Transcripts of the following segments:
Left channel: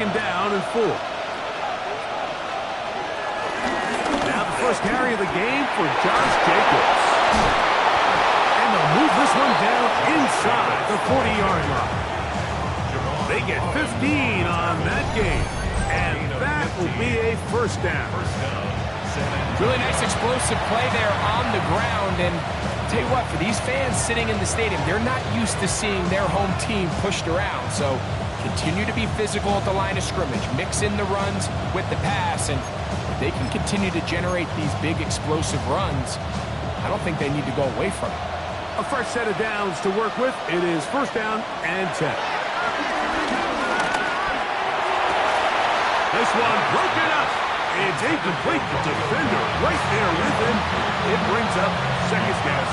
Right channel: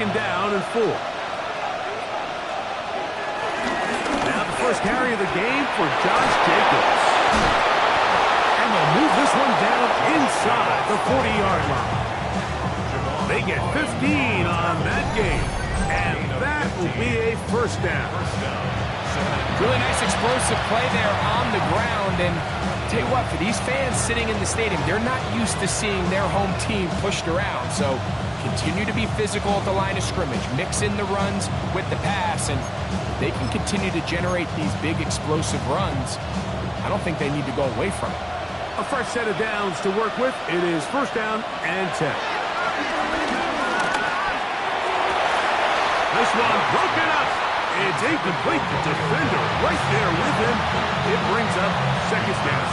Down and 4. Now the first carry of the game for Josh Jacobs. And they'll move this one down inside the 40-yard line. They get 15 on that game. And that will be a first down. Really nice explosive play there on the ground. And tell you what, for these fans sitting in the stadium, they're not used to seeing their home team pushed around. So continue to be physical at the line of scrimmage. Mix in the runs with the pass. And if they can continue to generate these big explosive runs, I don't think they need to go away from it. A fresh set of downs to work with. It is first down and 10. This one broken up. It's incomplete. The defender right there with him. It brings up second down.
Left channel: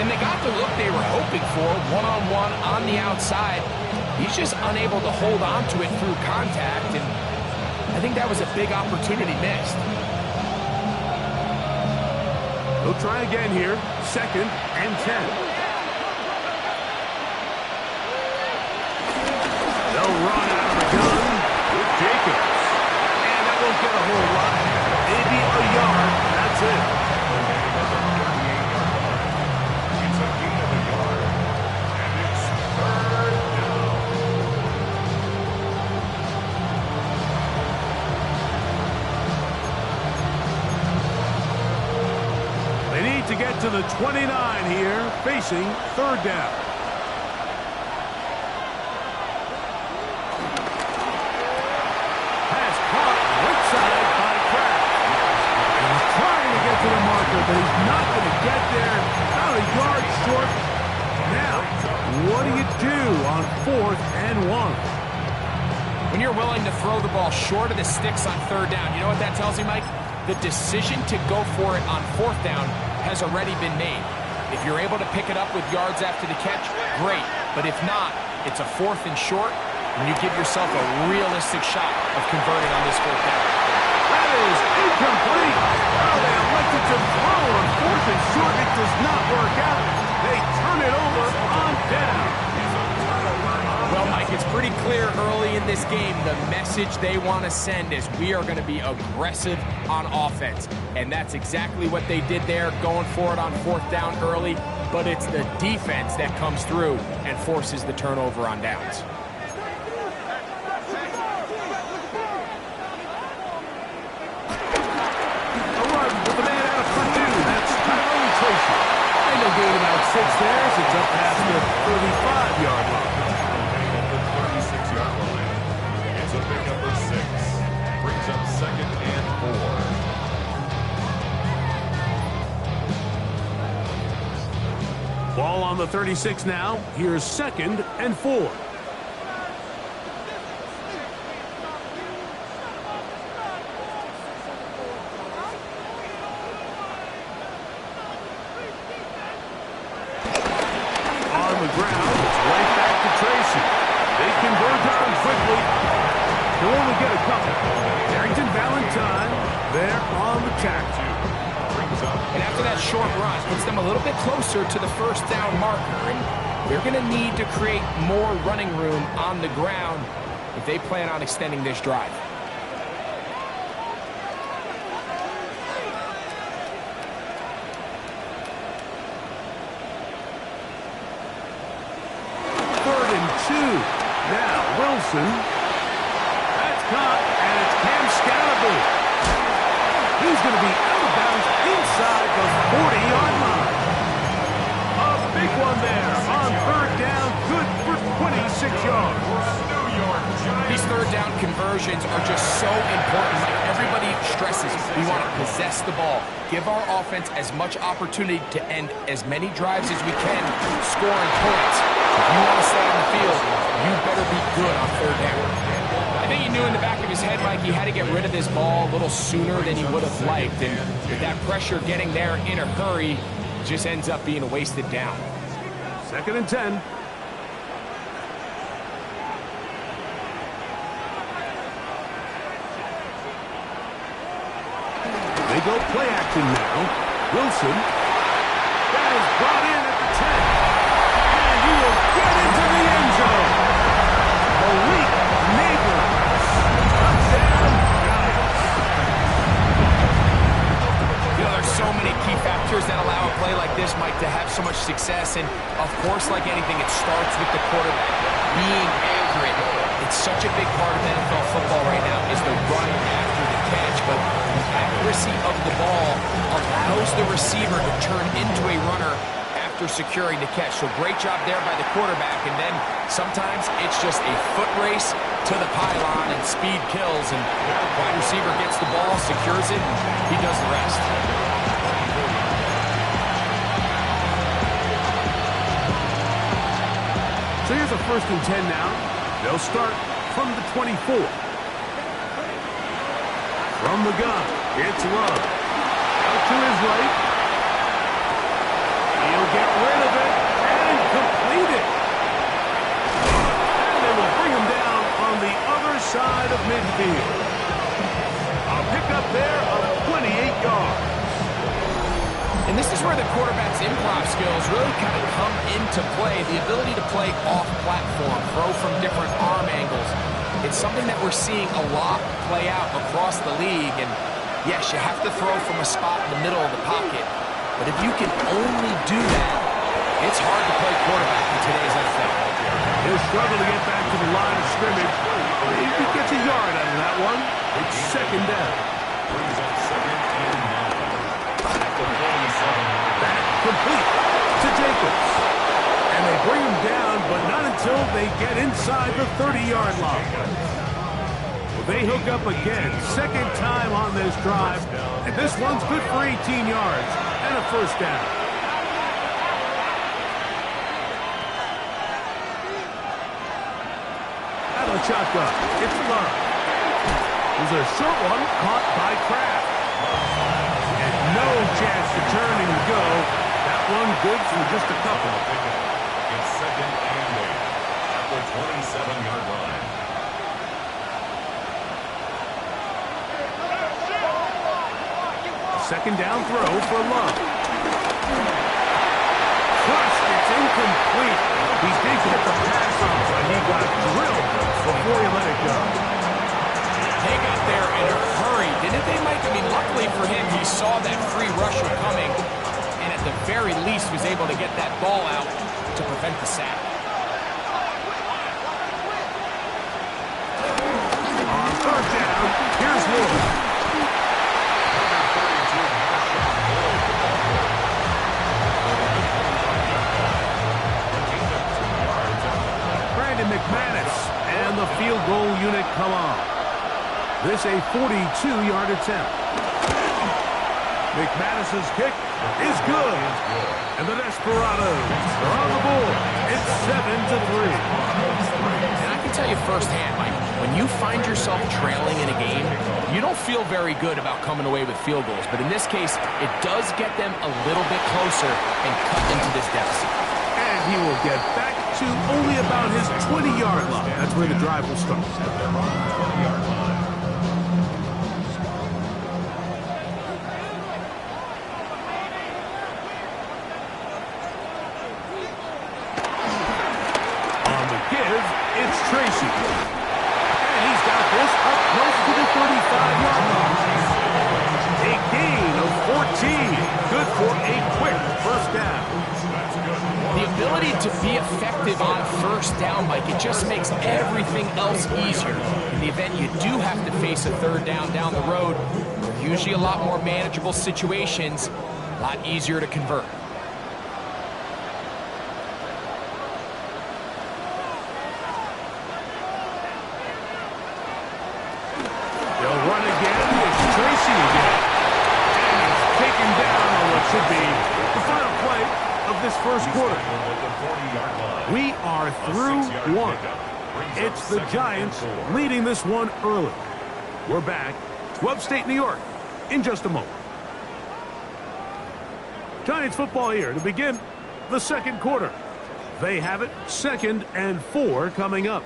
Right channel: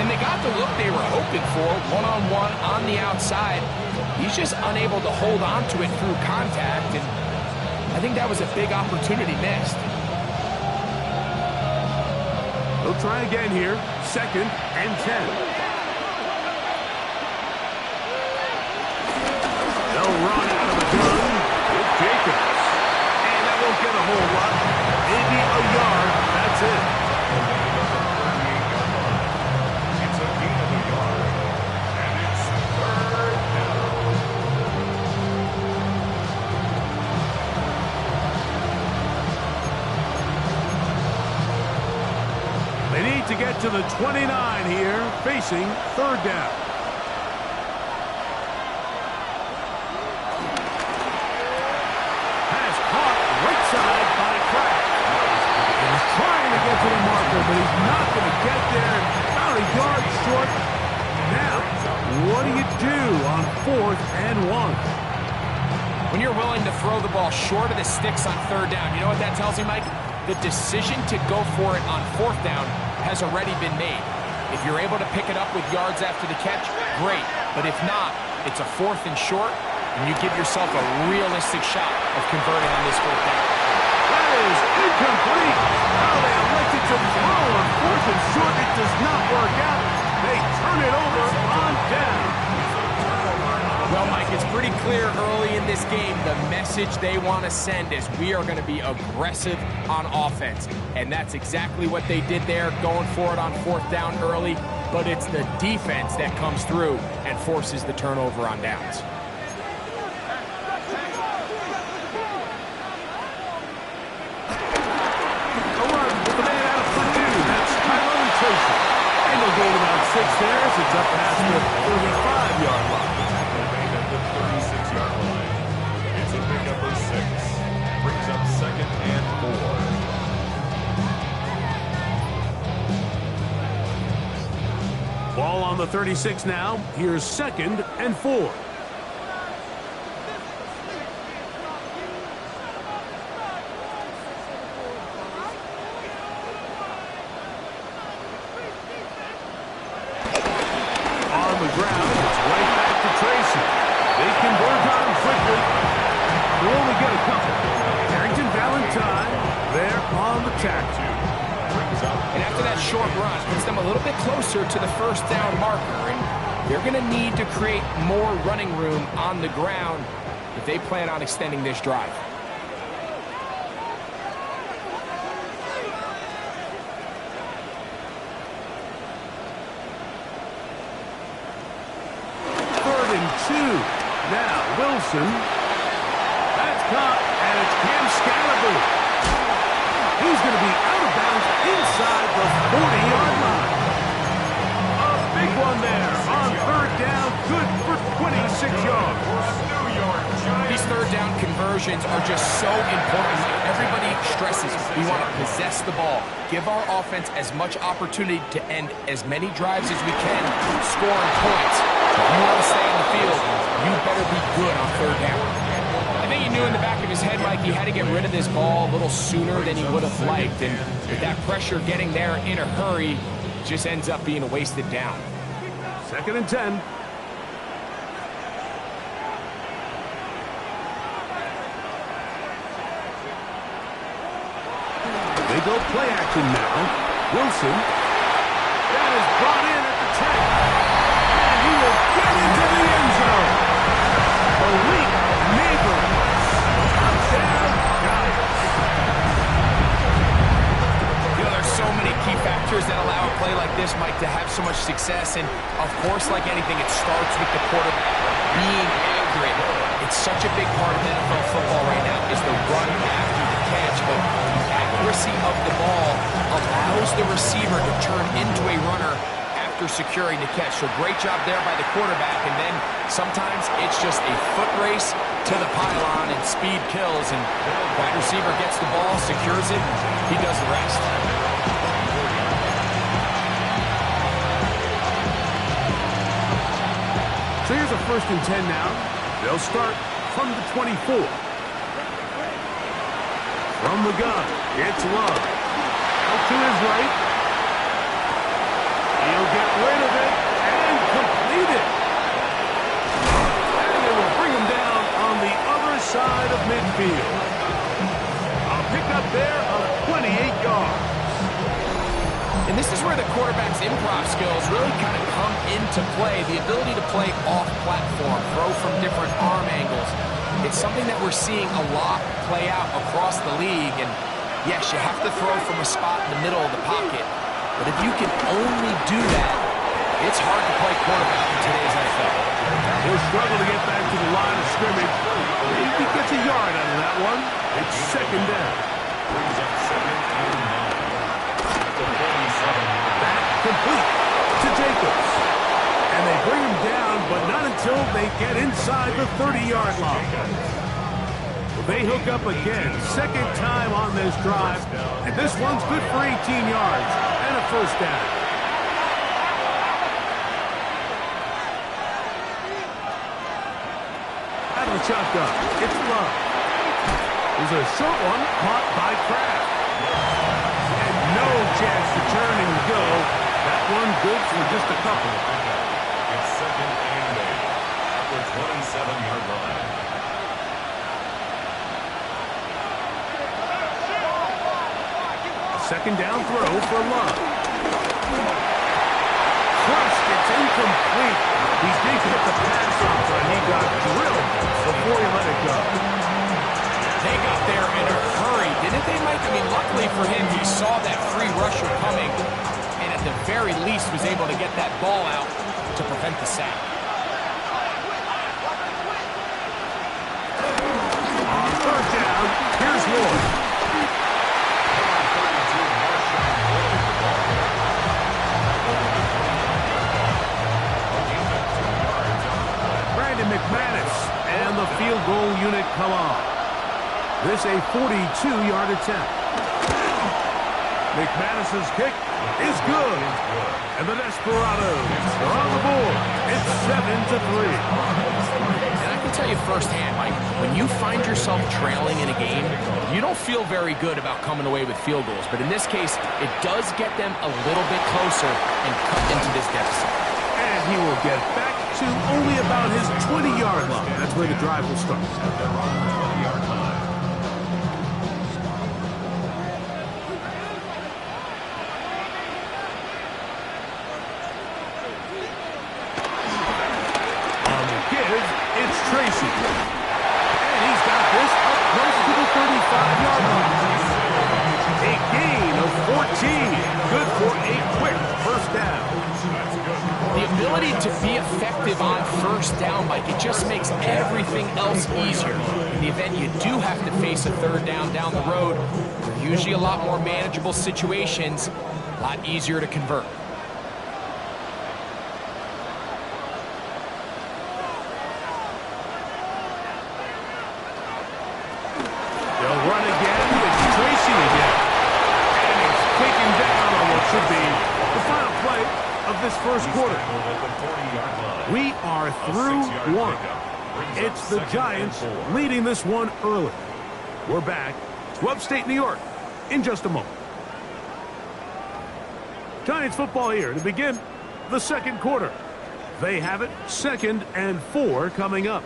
And they got the look they were hoping for, one-on-one on the outside. He's just unable to hold on to it through contact, and I think that was a big opportunity missed. They'll try again here. Second and 10. They'll run out of the gun with Jacobs. And that won't get a whole lot. Maybe a yard. That's it. It's a gain of a yard. And it's third down. They need to get to the 29 here, facing third down. Pass caught right side by Kraft. He's trying to get to the marker, but he's not going to get there. About a yard short. Now, what do you do on 4th and 1? When you're willing to throw the ball short of the sticks on third down, you know what that tells me, Mike? The decision to go for it on 4th down has already been made. If you're able to pick it up with yards after the catch, great. But if not, it's a 4th and short, and you give yourself a realistic shot of converting on this 4th down. That is incomplete. Now they elected to throw on 4th and short. It does not work out. They turn it over on down. Well, Mike, it's pretty clear early in this game the message they want to send is we are going to be aggressive on offense. And that's exactly what they did there, going for it on 4th down early. But it's the defense that comes through and forces the turnover on downs. A run with the man out of Purdue. That's Tyrone Tracy. And they'll gain about 6 there as it's up past the 35-yard line. At the 36-yard line. It's a pickup of 6. Brings up second and 4. Ball on the 36 now. Here's second and 4. On the ground, it's right back to Tracy. They converge on him quickly. They'll only get a couple. Harrington Valentine there on the tackle. And after that short run, puts them a little bit closer to the first down marker. And they're going to need to create more running room on the ground if they plan on extending this drive. Third and 2. Now Wilson. That's caught, and it's Cam Scalaboo. He's going to be out of bounds inside the 40-yard line. A big one there on third down. Good for 26 yards. These third down conversions are just so important. Like everybody stresses, we want to possess the ball, give our offense as much opportunity to end as many drives as we can, scoring points. If you want to stay on the field, you better be good on third down. I think he knew in the back of his head, Mike, he had to get rid of this ball a little sooner than he would have liked. And with that pressure getting there in a hurry, just ends up being a wasted down. Second and 10. They go play action now. Wilson. That is brought in at the 10. And he will get into the end zone. Malik Neighbors. Touchdown, Giants. You know, there's so many key factors that allow a play like this, Mike, to have so much success. And, of course, like anything, it starts with the quarterback being accurate. It's such a big part of NFL football right now is the run after the catch. But the accuracy of the ball allows the receiver to turn into a runner after securing the catch. So great job there by the quarterback. And then sometimes it's just a foot race to the pylon and speed kills. And wide receiver gets the ball, secures it, he does the rest. So here's a 1st and 10 now. They'll start from the 24. From the gun, it's Love. Out to his right. He'll get rid of it and complete it. And they will bring him down on the other side of midfield. A pickup there of 28 yards. And this is where the quarterback's improv skills really kind of come into play. The ability to play off-platform, throw from different arm angles. It's something that we're seeing a lot play out across the league. And yes, you have to throw from a spot in the middle of the pocket. But if you can only do that, it's hard to play quarterback in today's NFL. He'll struggle to get back to the line of scrimmage. If he gets a yard out of that one, it's 2nd down. Brings up 2nd and 9. Back complete to Jacobs. And they bring him down, but not until they get inside the 30-yard line. Well, they hook up again, 2nd time on this drive, and this one's good for 18 yards and a 1st down. Out of the shotgun, it's Love. There's a short one caught by Kraft. And no chance to turn and go. That one good for just a couple. It's 2nd and 8 at the 27-yard line. A 2nd down throw for Love. Crushed, it's incomplete. He did get the pass off, but he got drilled before he let it go. They got there in a hurry, didn't they, Mike? I mean, luckily for him, he saw that free rusher coming, and at the very least was able to get that ball out to prevent the sack. On 3rd down, here's Lloyd. Number 32, Marshawn Lloyd, the ball carrier. Over the 25-yard line. A gain of 2 yards on the play. Brandon McManus and the field goal unit come on. This a 42-yard attempt. McManus's kick is good. And the Desperados are on the board. It's 7-3. And I can tell you firsthand, Mike, when you find yourself trailing in a game, you don't feel very good about coming away with field goals. But in this case, it does get them a little bit closer and cut into this deficit. And he will get back to only about his 20-yard line. That's where the drive will start. At their own 20-yard line. It's Tracy. And he's got this up close to the 35-yard line. A gain of 14. Good for a quick 1st down. The ability to be effective on 1st down, Mike, it just makes everything else easier. In the event you do have to face a 3rd down the road, they're usually a lot more manageable situations, a lot easier to convert. They'll run again. It's Tracy again. And he's taken down on what should be the final play of this 1st quarter. We are through one. It's the Giants leading this one early. We're back to upstate New York in just a moment. Giants football here to begin the 2nd quarter. They have it 2nd and 4 coming up.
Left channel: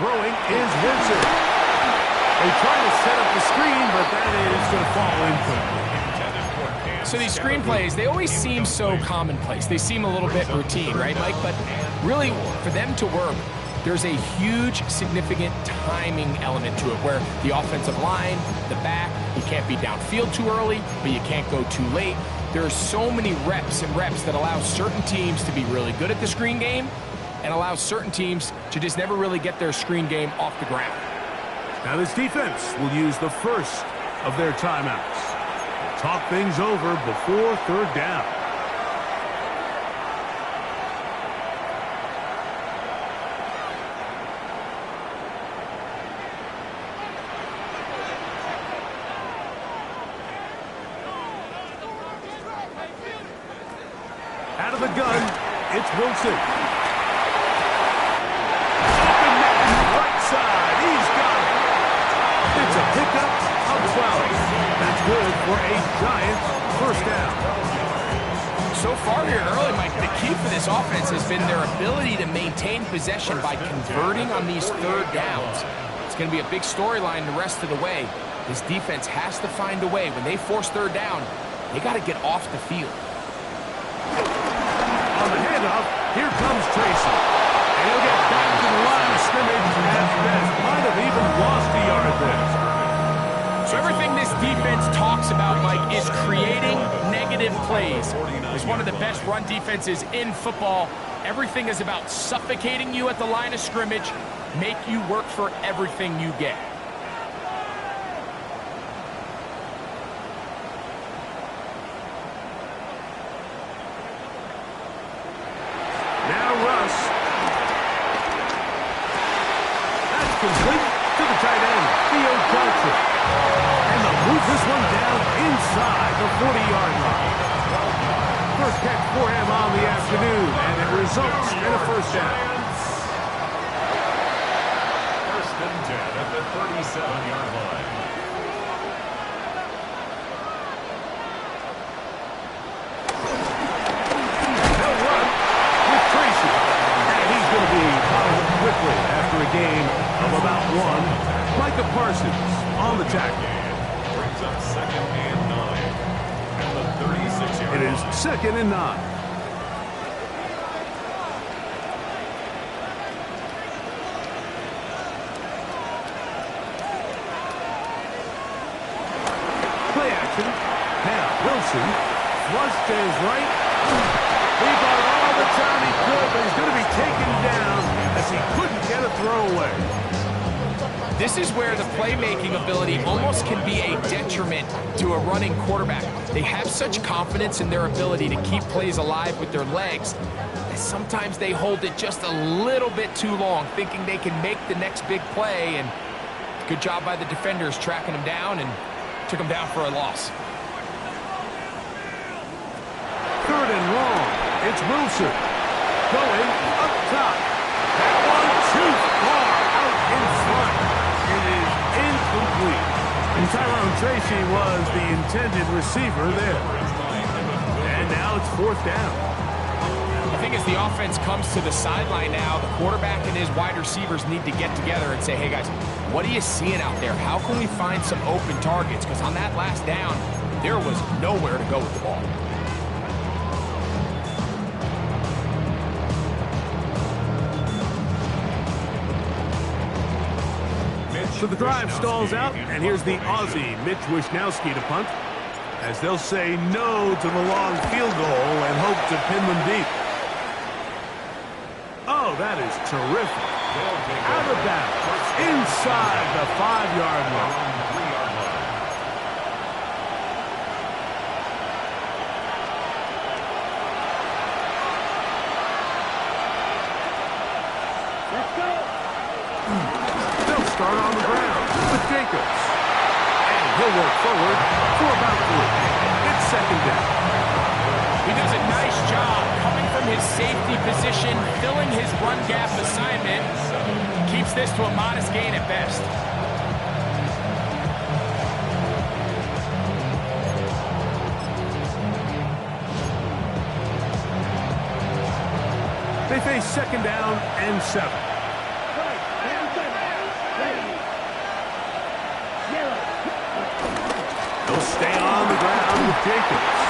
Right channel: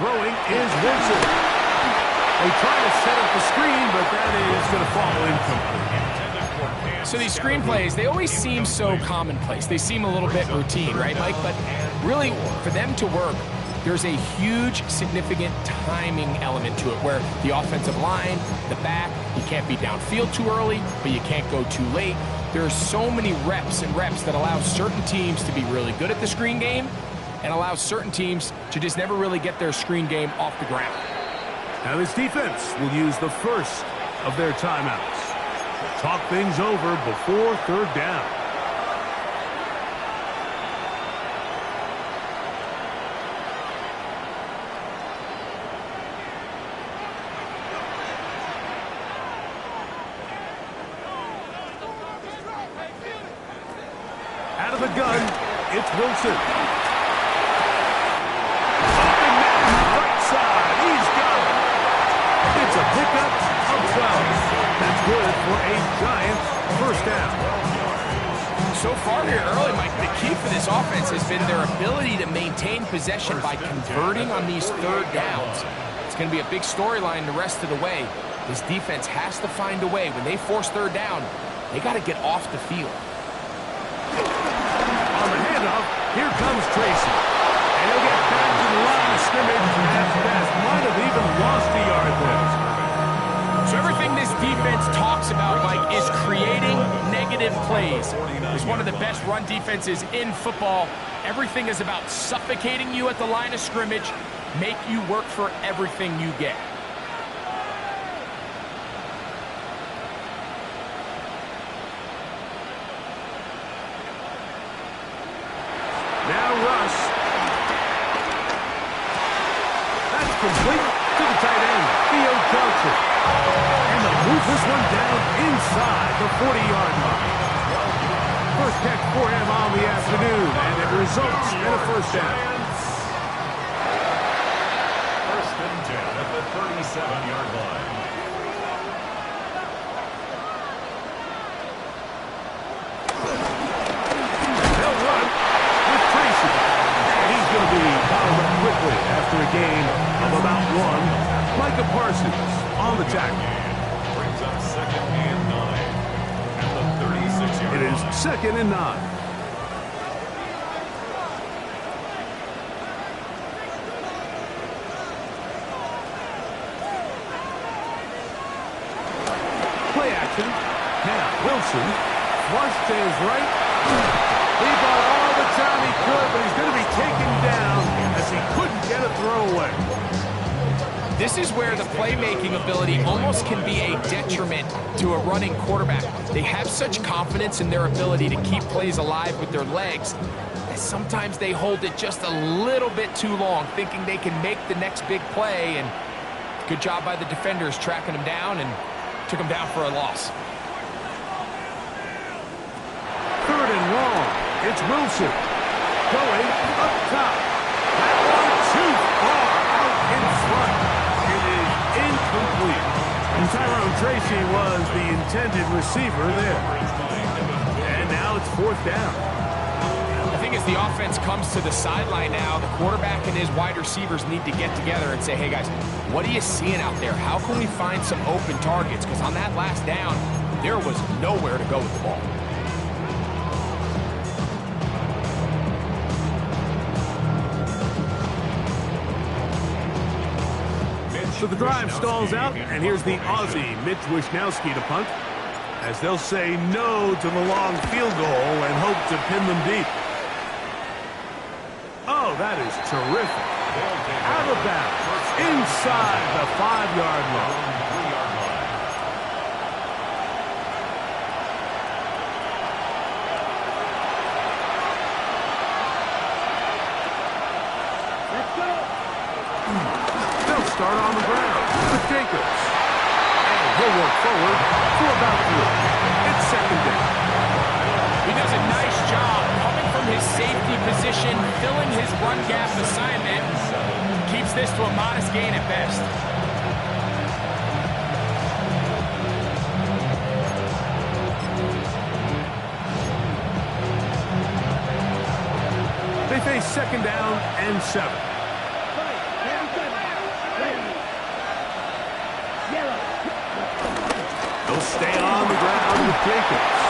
Throwing is Wilson. They try to set up the screen, but that is going to fall incomplete. So these screen plays, they always seem so commonplace. They seem a little bit routine, right, Mike? But really, for them to work, there's a huge, significant timing element to it where the offensive line, the back, you can't be downfield too early, but you can't go too late. There are so many reps and reps that allow certain teams to be really good at the screen game and allow certain teams to just never really get their screen game off the ground. Now this defense will use the first of their timeouts. We'll talk things over before third down. Out of the gun, it's Wilson. Open man, right side. He's got it. It's a pickup of 12. That's good for a Giants first down. So far here early, Mike, the key for this offense has been their ability to maintain possession by converting on these third downs. It's going to be a big storyline the rest of the way. This defense has to find a way. When they force third down, they got to get off the field. On the handoff, here comes Tracy. And he'll get back to the line of scrimmage at best. Might have even lost a yard there. So everything this defense talks about, Mike, is creating negative plays. It's one of the best run defenses in football. Everything is about suffocating you at the line of scrimmage, make you work for everything you get. Now Russ. That's complete to the tight end, Theo Johnson. And they'll move this one down inside the 40-yard line. First catch for him on the afternoon, and it results in a first down. First and 10 at the 37-yard line. They'll run with Tracy. And he's going to be bottled up quickly after a gain of about one. Micah Parsons on the tackle. Brings up second and 9 at the 36-yard line. It is second and 9. Play action. Now Wilson flushed to his right. He bought all the time he could, but he's going to be taken down as he couldn't get a throwaway. This is where the playmaking ability almost can be a detriment to a running quarterback. They have such confidence in their ability to keep plays alive with their legs that sometimes they hold it just a little bit too long, thinking they can make the next big play, and good job by the defenders tracking him down and took him down for a loss. Third and long. It's Wilson going up top. That one too far out in front. It is incomplete. And Tyrone Tracy was the intended receiver there. And now it's fourth down. I think as the offense comes to the sideline now, the quarterback and his wide receivers need to get together and say, hey guys, what are you seeing out there? How can we find some open targets? Because on that last down, there was nowhere to go with the ball. So the drive stalls out, and here's the Aussie, Mitch Wishnowsky, to punt, as they'll say no to the long field goal and hope to pin them deep. Oh, that is terrific. Out of bounds, inside the 5-yard line. 3-yard line. They'll start on the ground with Jacobs. And he'll work forward for about 3. It's second down. He does a nice job coming from his safety position, filling his run gap assignment. Keeps this to a modest gain at best. They face second down and 7. He'll stay on the ground with Jacobs.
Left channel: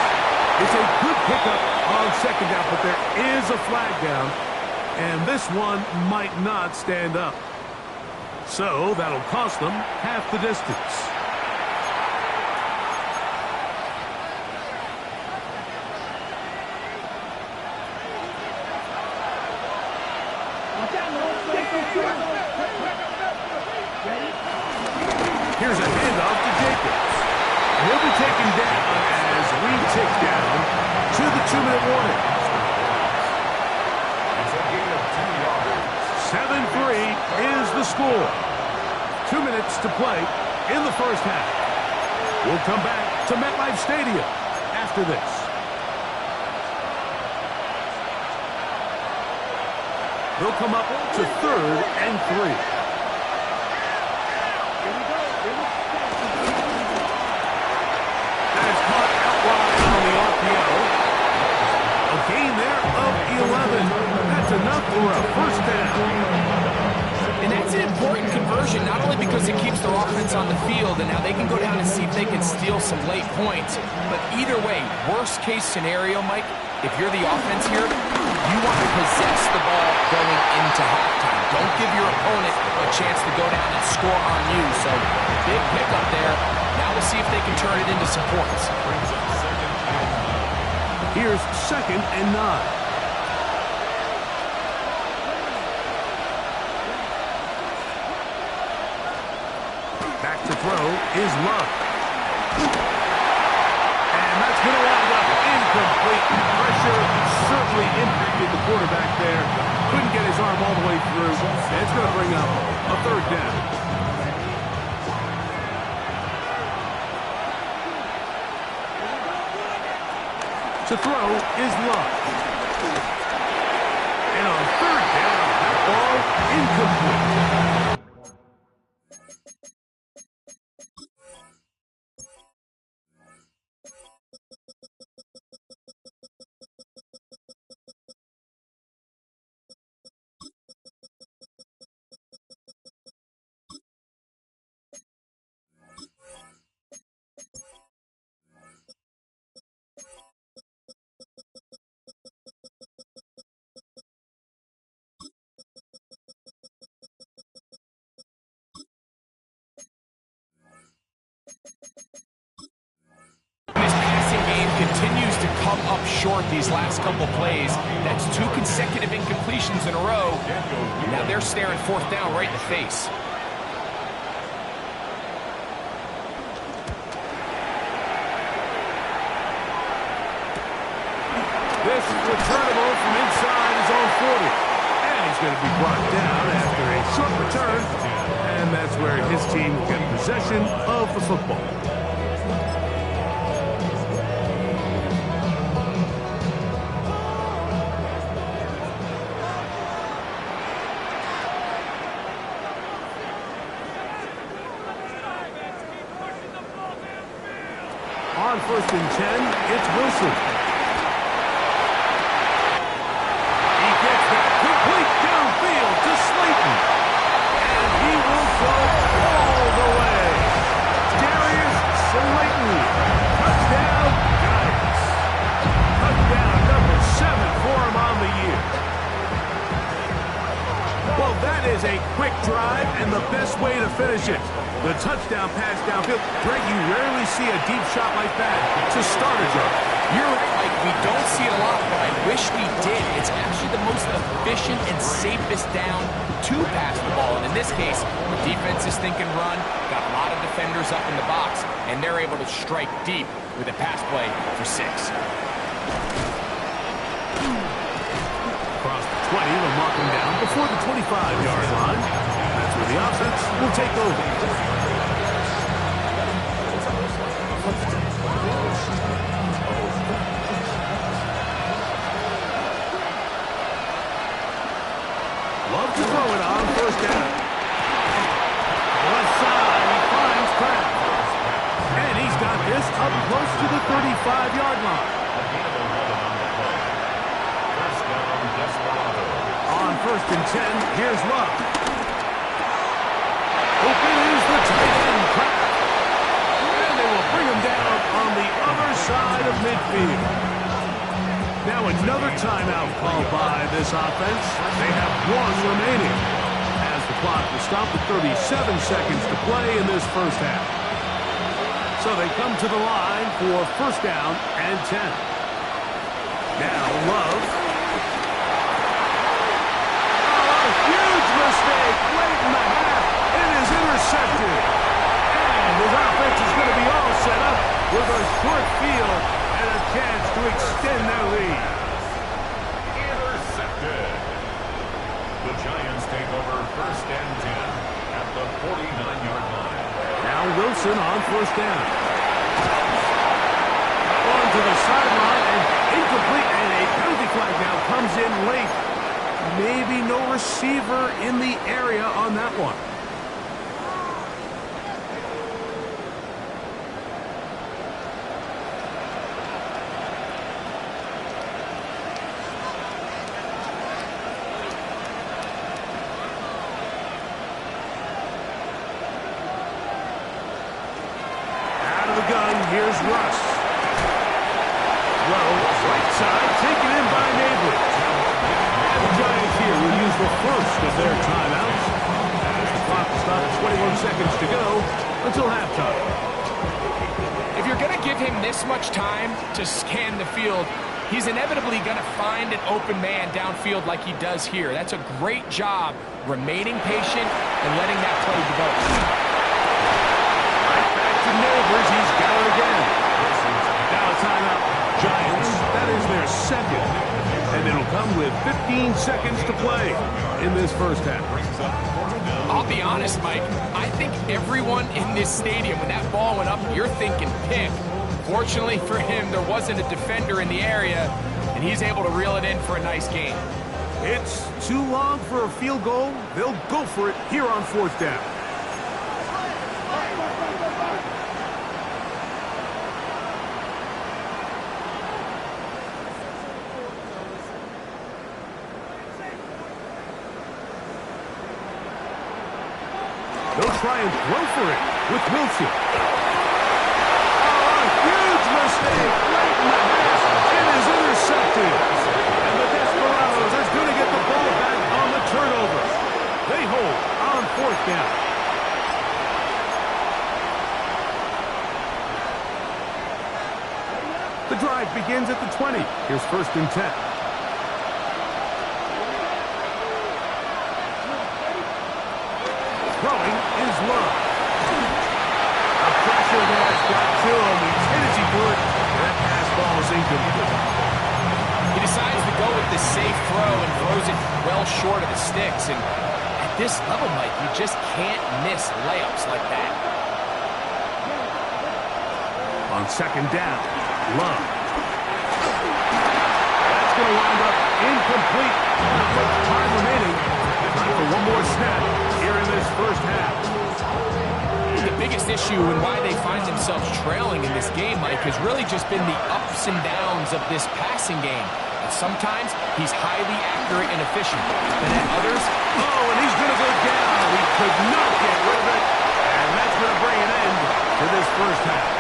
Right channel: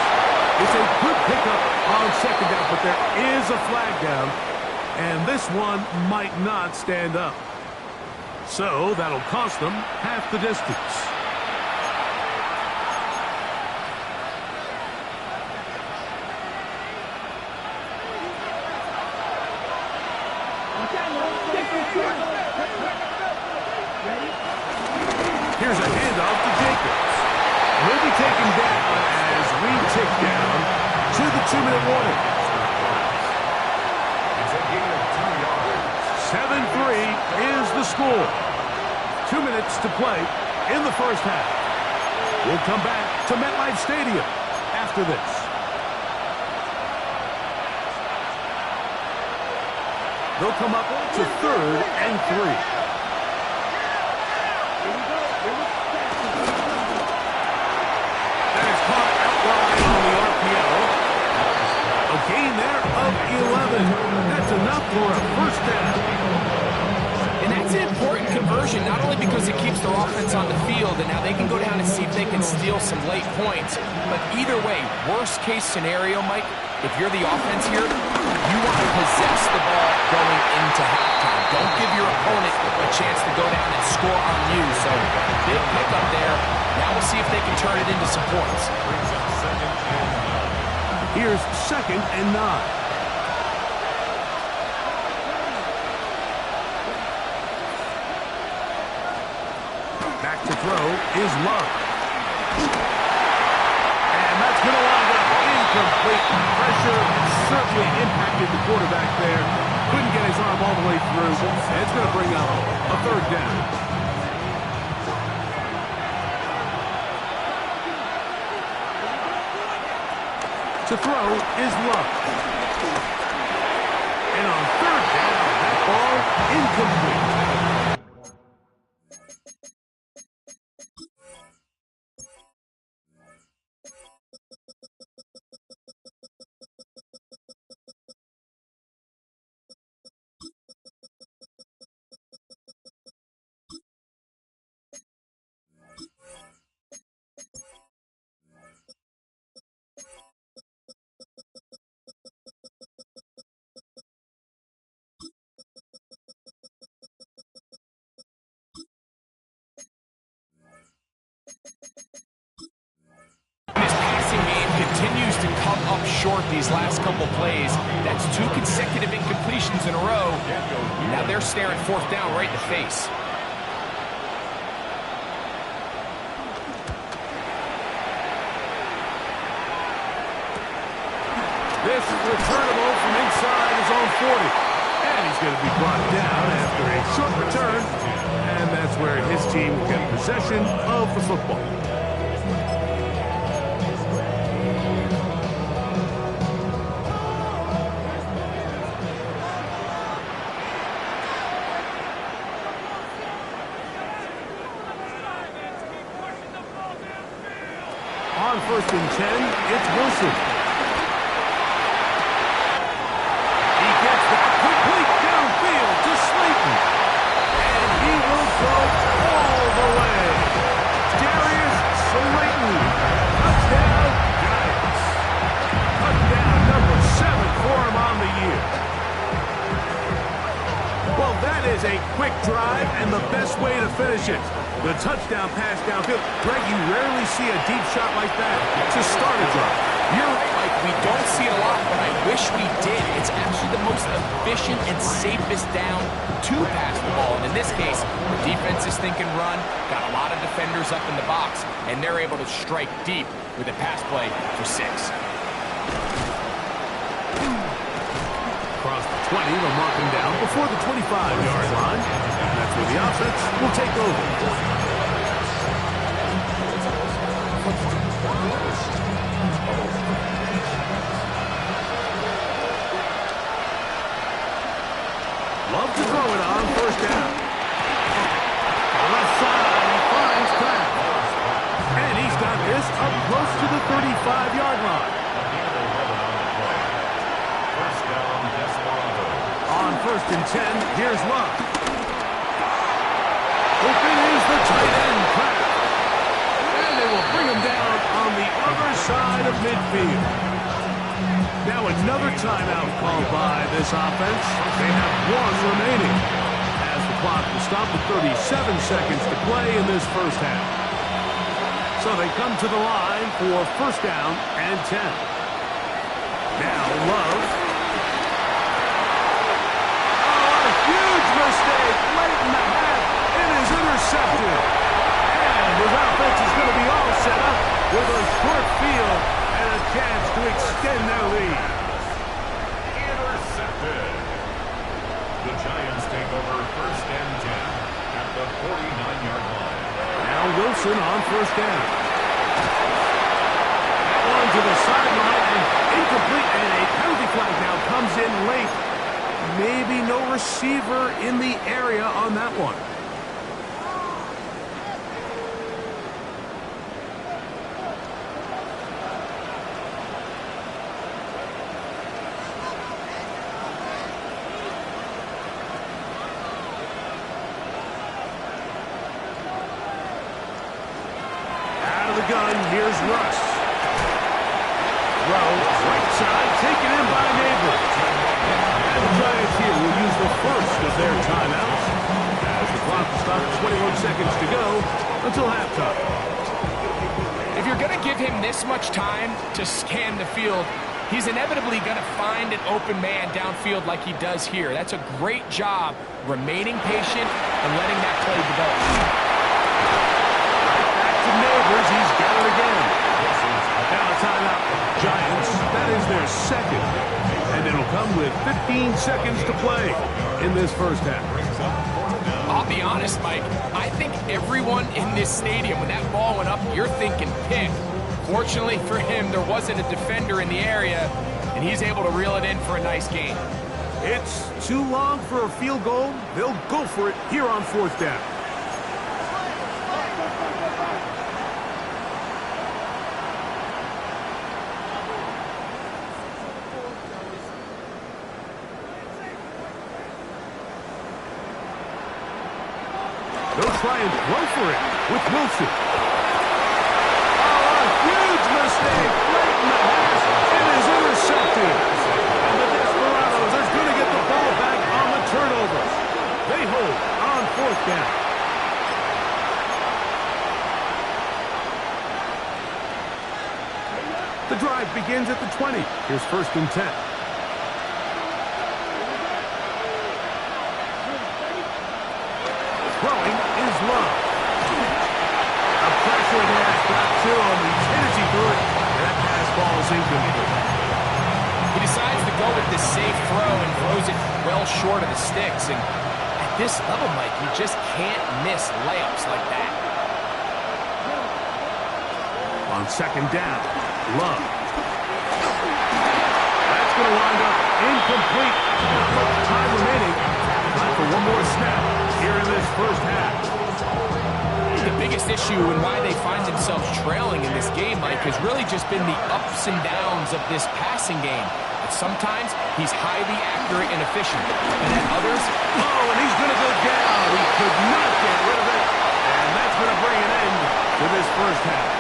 It's a good pickup on second down, but there is a flag down, and this one might not stand up. So that'll cost them half the distance. Here's a handoff to Jacobs. And he'll be taken down as we tick down to the 2-minute warning. It's a gain of 2 yards. 7-3 is the score. 2 minutes to play in the first half. We'll come back to MetLife Stadium after this. They'll come up to 3rd and 3. That is caught out wide on the RPO. A gain there of 11. That's enough for a first down. And that's an important conversion, not only because it keeps their offense on the field, and now they can go down and see if they can steal some late points. But either way, worst case scenario, Mike, if you're the offense here, you want to possess the ball going into halftime. Don't give your opponent a chance to go down and score on you. So big pickup there. Now we'll see if they can turn it into some points. Brings up 2nd and 9. Here's 2nd and 9. Back to throw is Love. And that's going to wind up incomplete. Pressure certainly impacted the quarterback there. Couldn't get his arm all the way through. And it's going to bring up a 3rd down. To throw is Love. And on 3rd down, that ball incomplete. This passing game continues to come up short these last couple plays. That's 2 consecutive incompletions in a row. Now they're staring 4th down right in the face. This is returnable from inside his own 40. And he's going to be brought down after a short return. And that's where his team will get possession of the football. On 1st and 10, it's Wilson. He gets that complete downfield to Slayton. And he will go all the way. Darius Slayton. Touchdown, Giants. Touchdown number 7 for him on the year. Well, that is a quick drive and the best way to finish it. The touchdown pass downfield. Greg, you rarely see a deep shot like that to start a drive. You're right, Mike. We don't see it a lot, but I wish we did. It's actually the most efficient and safest down to pass the ball. And in this case, the defense is thinking run, got a lot of defenders up in the box, and they're able to strike deep with a pass play for 6. Across the 20, they'll mark him down before the 25-yard line. And that's where the offense will take over. Love to throw it on 1st down. Left side, he finds Kraft. And he's got this up close to the 35-yard line. A gain of 11 on the play. 1st down, Desperado. On 1st and 10, here's Love. Open is the tight end, Kraft. they will bring him down on the other side of midfield. Now another timeout called by this offense. They have one remaining, as the clock will stop with 37 seconds to play in this first half. So they come to the line for first down and 10. Now Love. Oh, a huge mistake late in the half. It is intercepted. And his offense is going to be all set up with a short field and a chance to extend their lead. Intercepted. The Giants take over first and 10 at the 49-yard line. Now Wilson on first down. That one to the sideline and incomplete, and a penalty flag now comes in late. Maybe no receiver in the area on that one. Gun, here's Russ. Throw, right side, taken in by Neighbors. And the Giants here will use the first of their timeouts as the clock will stop at 21 seconds to go until halftime. If you're going to give him this much time to scan the field, he's inevitably going to find an open man downfield like he does here. That's a great job remaining patient and letting that play develop. Neighbors, he's got it again. Now a timeout. Giants, that is their second. And it'll come with 15 seconds to play in this first half. I'll be honest, Mike. I think everyone in this stadium, when that ball went up, you're thinking pick. Fortunately for him, there wasn't a defender in the area, and he's able to reel it in for a nice gain. It's too long for a field goal. They'll go for it here on fourth down. They'll try and throw for it with Wilson. Oh, a huge mistake late in the half. It is intercepted. And the Desperados are going to get the ball back on the turnover. They hold on fourth down. The drive begins at the 20. Here's first and 10. Throwing is Love. A pressure there's got to him. He's hit as he threw it. And that pass ball is incomplete. He decides to go with the safe throw and throws it well short of the sticks. And at this level, Mike, you just can't miss layups like that. On second down, Love. That's going to wind up incomplete. Not much time remaining. Time for one more snap here in this first half. The biggest issue and why they find themselves trailing in this game, Mike, has really just been the ups and downs of this passing game. And sometimes he's highly accurate and efficient. And at others... Oh, and he's going to go down. He could not get rid of it. And that's going to bring an end to this first half.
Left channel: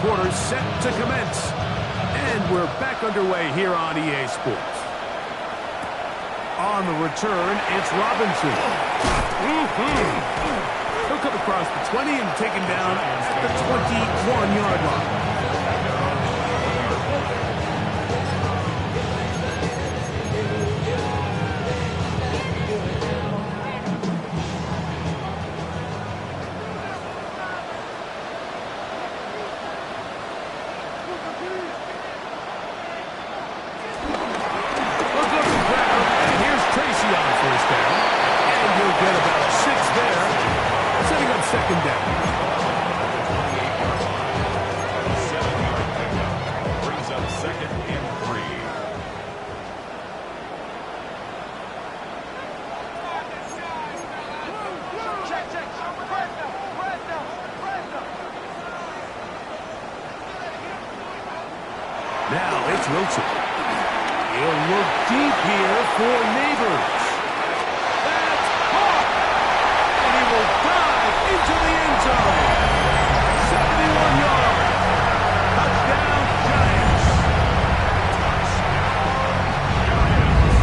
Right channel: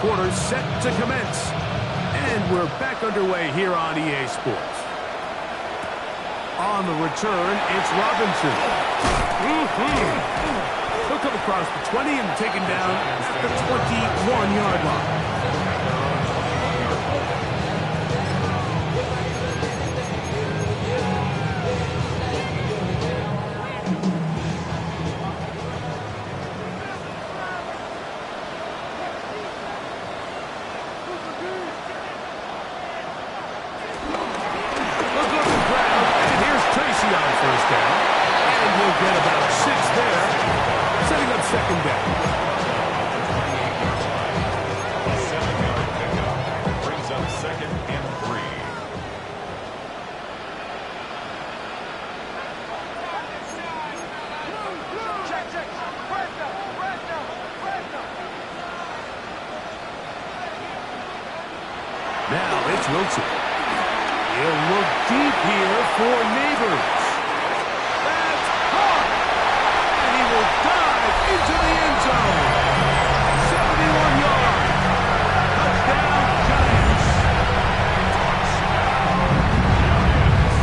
Quarter set to commence. And we're back underway here on EA Sports. On the return, it's Robinson. He'll come across the 20 and taken down at the 21-yard line. On first down, and you'll get about 6 there, setting up second down. At the 28-yard line, a 7-yard pickup brings up second and 3. Now it's Wilson. He'll look deep here for Neighbors. That's caught! And he will dive into the end zone. 71 yards. Touchdown, Giants.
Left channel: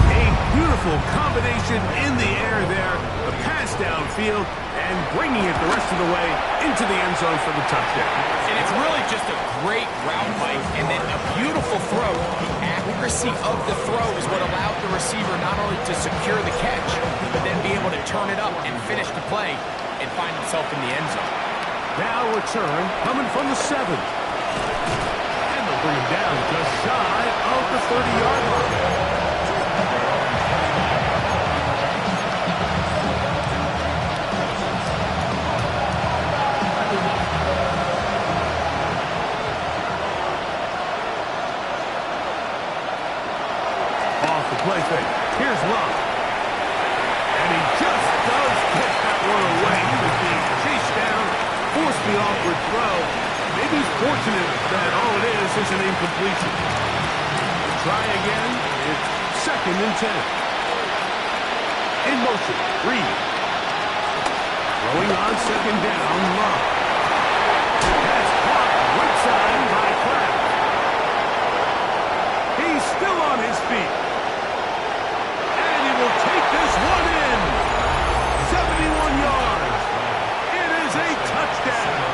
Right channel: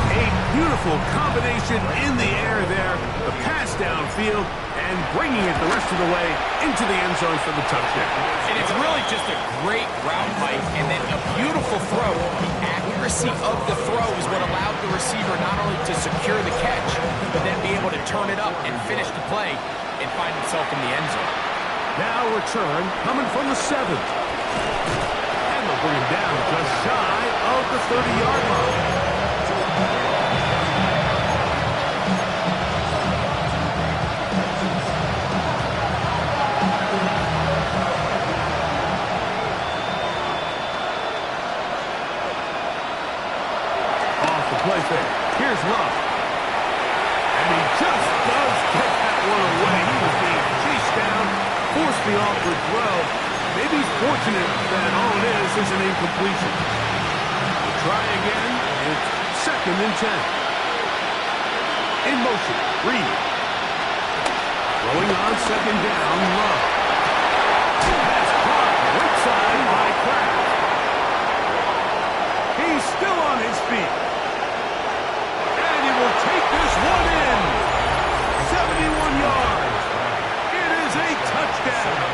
A beautiful combination in the air there. The pass downfield and bringing it the rest of the way into the end zone for the touchdown. And it's really just a great route, Mike, and then a beautiful throw. The accuracy of the throw is what allowed the receiver not only to secure the catch, but then be able to turn it up and finish the play and find himself in the end zone. Now return coming from the 7th. And they'll bring him down just shy of the 30-yard line. Play fake. Here's Love. And he just does get that one away. He was being chased down, forced the awkward throw. Maybe he's fortunate that all it is an incompletion. We'll try again. It's 2nd and 10. In motion, Reed. Throwing on 2nd down, Love. Pass caught right side by Kraft. He's still on his feet. Will take this one in. 71 yards. It is a touchdown.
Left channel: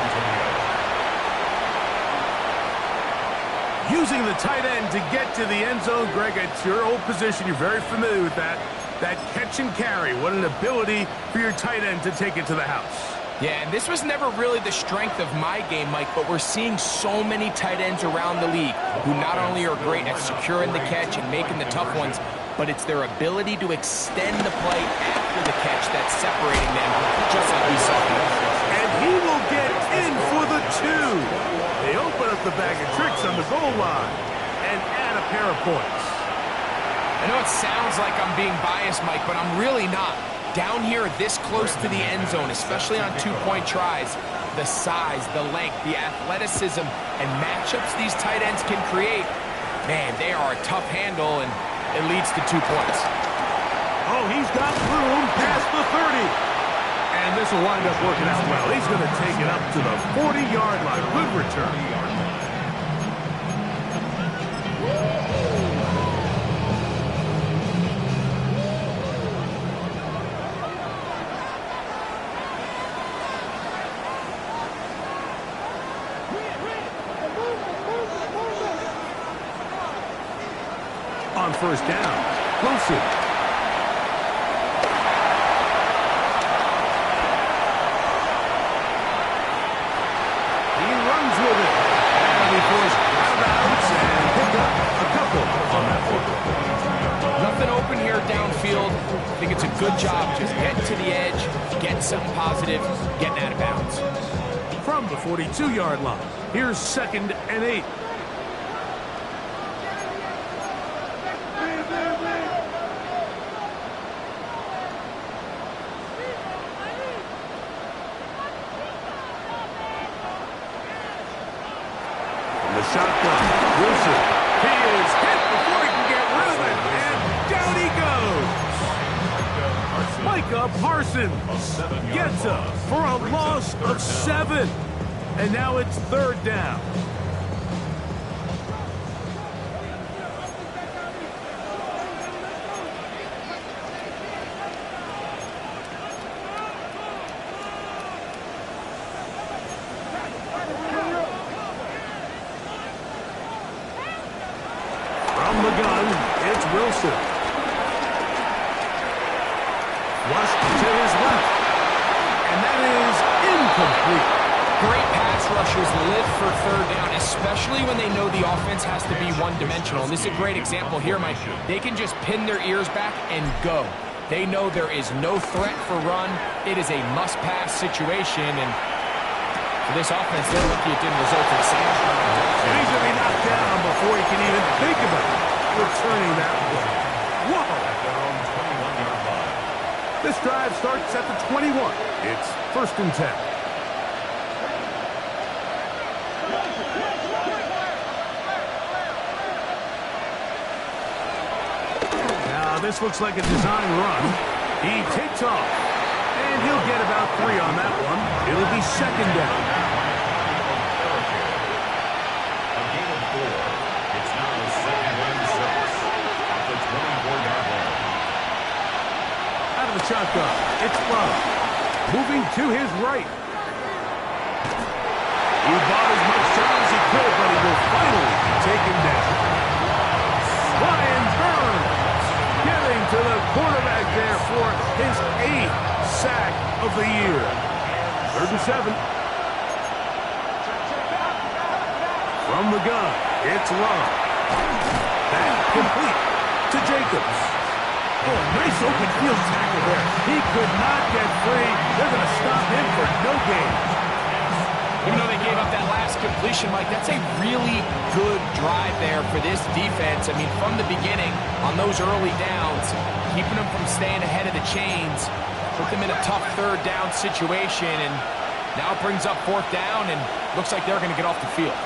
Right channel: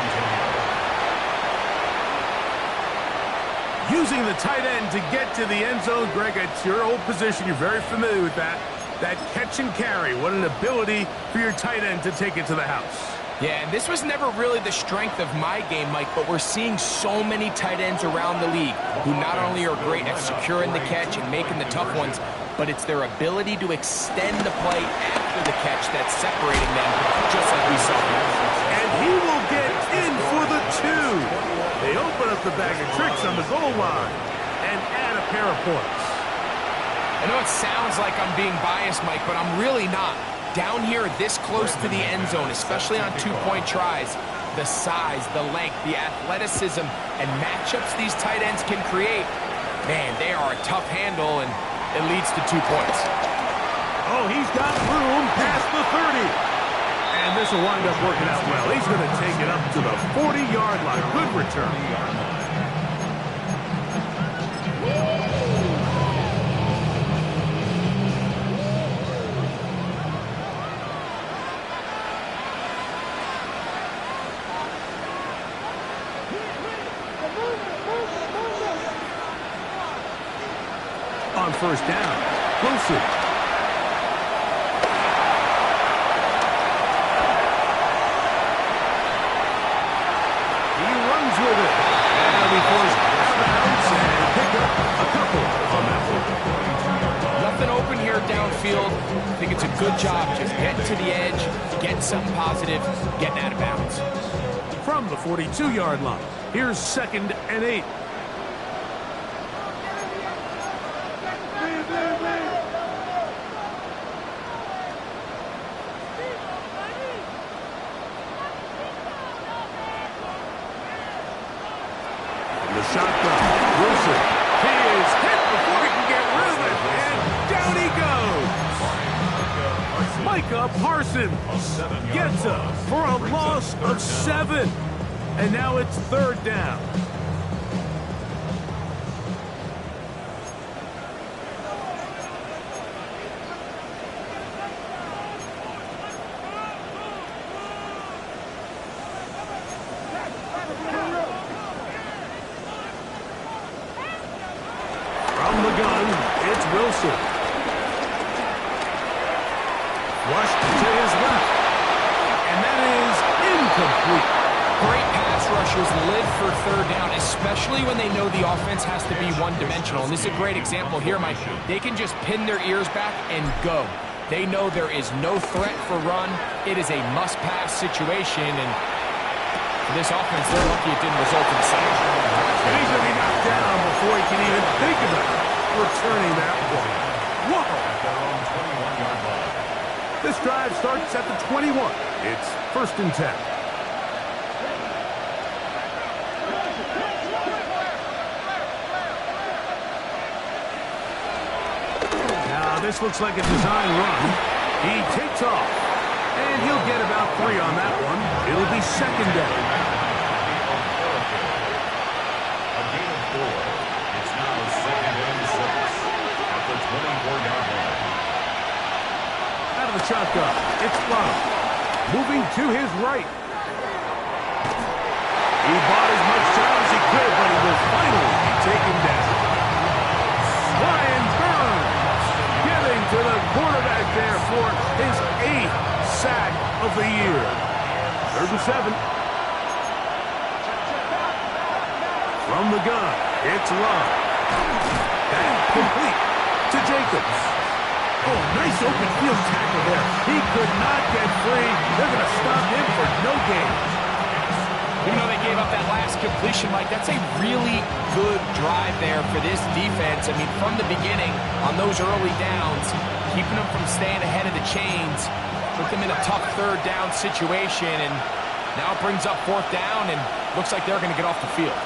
Using the tight end to get to the end zone, Greg, it's your old position. You're very familiar with that. That catch and carry. What an ability for your tight end to take it to the house. Yeah, and this was never really the strength of my game, Mike, but we're seeing so many tight ends around the league who not only are great at securing the catch and making the tough ones, but it's their ability to extend the play after the catch that's separating them, just like we saw here. And he will get in for the 2. They open up the bag of tricks on the goal line and add a pair of points. I know it sounds like I'm being biased, Mike, but I'm really not. Down here, this close to the end zone, especially on 2-point tries, the size, the length, the athleticism, and matchups these tight ends can create, man, they are a tough handle, and it leads to 2 points. Oh, he's got room past the 30. And this will wind up working out well. He's going to take it up to the 40-yard line. Good return. On 1st down, Wilson. He runs with it. And he'll be forced out of bounds and pick up a couple on that one. Nothing open here downfield. I think it's a good job just getting to the edge, getting something positive, getting out of bounds. From the 42-yard line, here's 2nd and 8. The shotgun. Wilson. He is hit before he can get rid of it. And down he goes. Micah Parsons gets up for a loss of 7. And now it's 3rd down. From the gun, it's Wilson. Flushed to his left. And that is incomplete. Great pass rushers live for 3rd down, especially when they know the offense has to be one-dimensional. And this is a great example here, Mike. They can just pin their ears back and go. They know there is no threat for run. It is a must-pass situation, and for this offense, they're lucky it didn't result in a sack. And he's going to be knocked down before he can even think about returning that one. Whoa! At their own 21-yard line. This drive starts at the 21. It's 1st and 10. Now this looks like a design run. He takes off. And he'll get about 3 on that one. It'll be second down. A gain of 4. It's now second and 6 at the 24-yard line. Out of the shotgun, it's Love. Moving to his right. He bought as much time as he could, but he will finally be taken down. Brian Burns getting to the quarterback there for his 8th sack of the year. 3rd and 7. From the gun, it's Love. That complete to Jacobs. Oh, nice open field tackle there. He could not get free. They're going to stop him for no gain. Even though they gave up that last completion, Mike, that's a really good drive there for this defense. I mean, from the beginning, on those early downs, keeping them from staying ahead of the chains, put them in a tough 3rd down situation, and now it brings up 4th down, and looks like they're going to get off the field.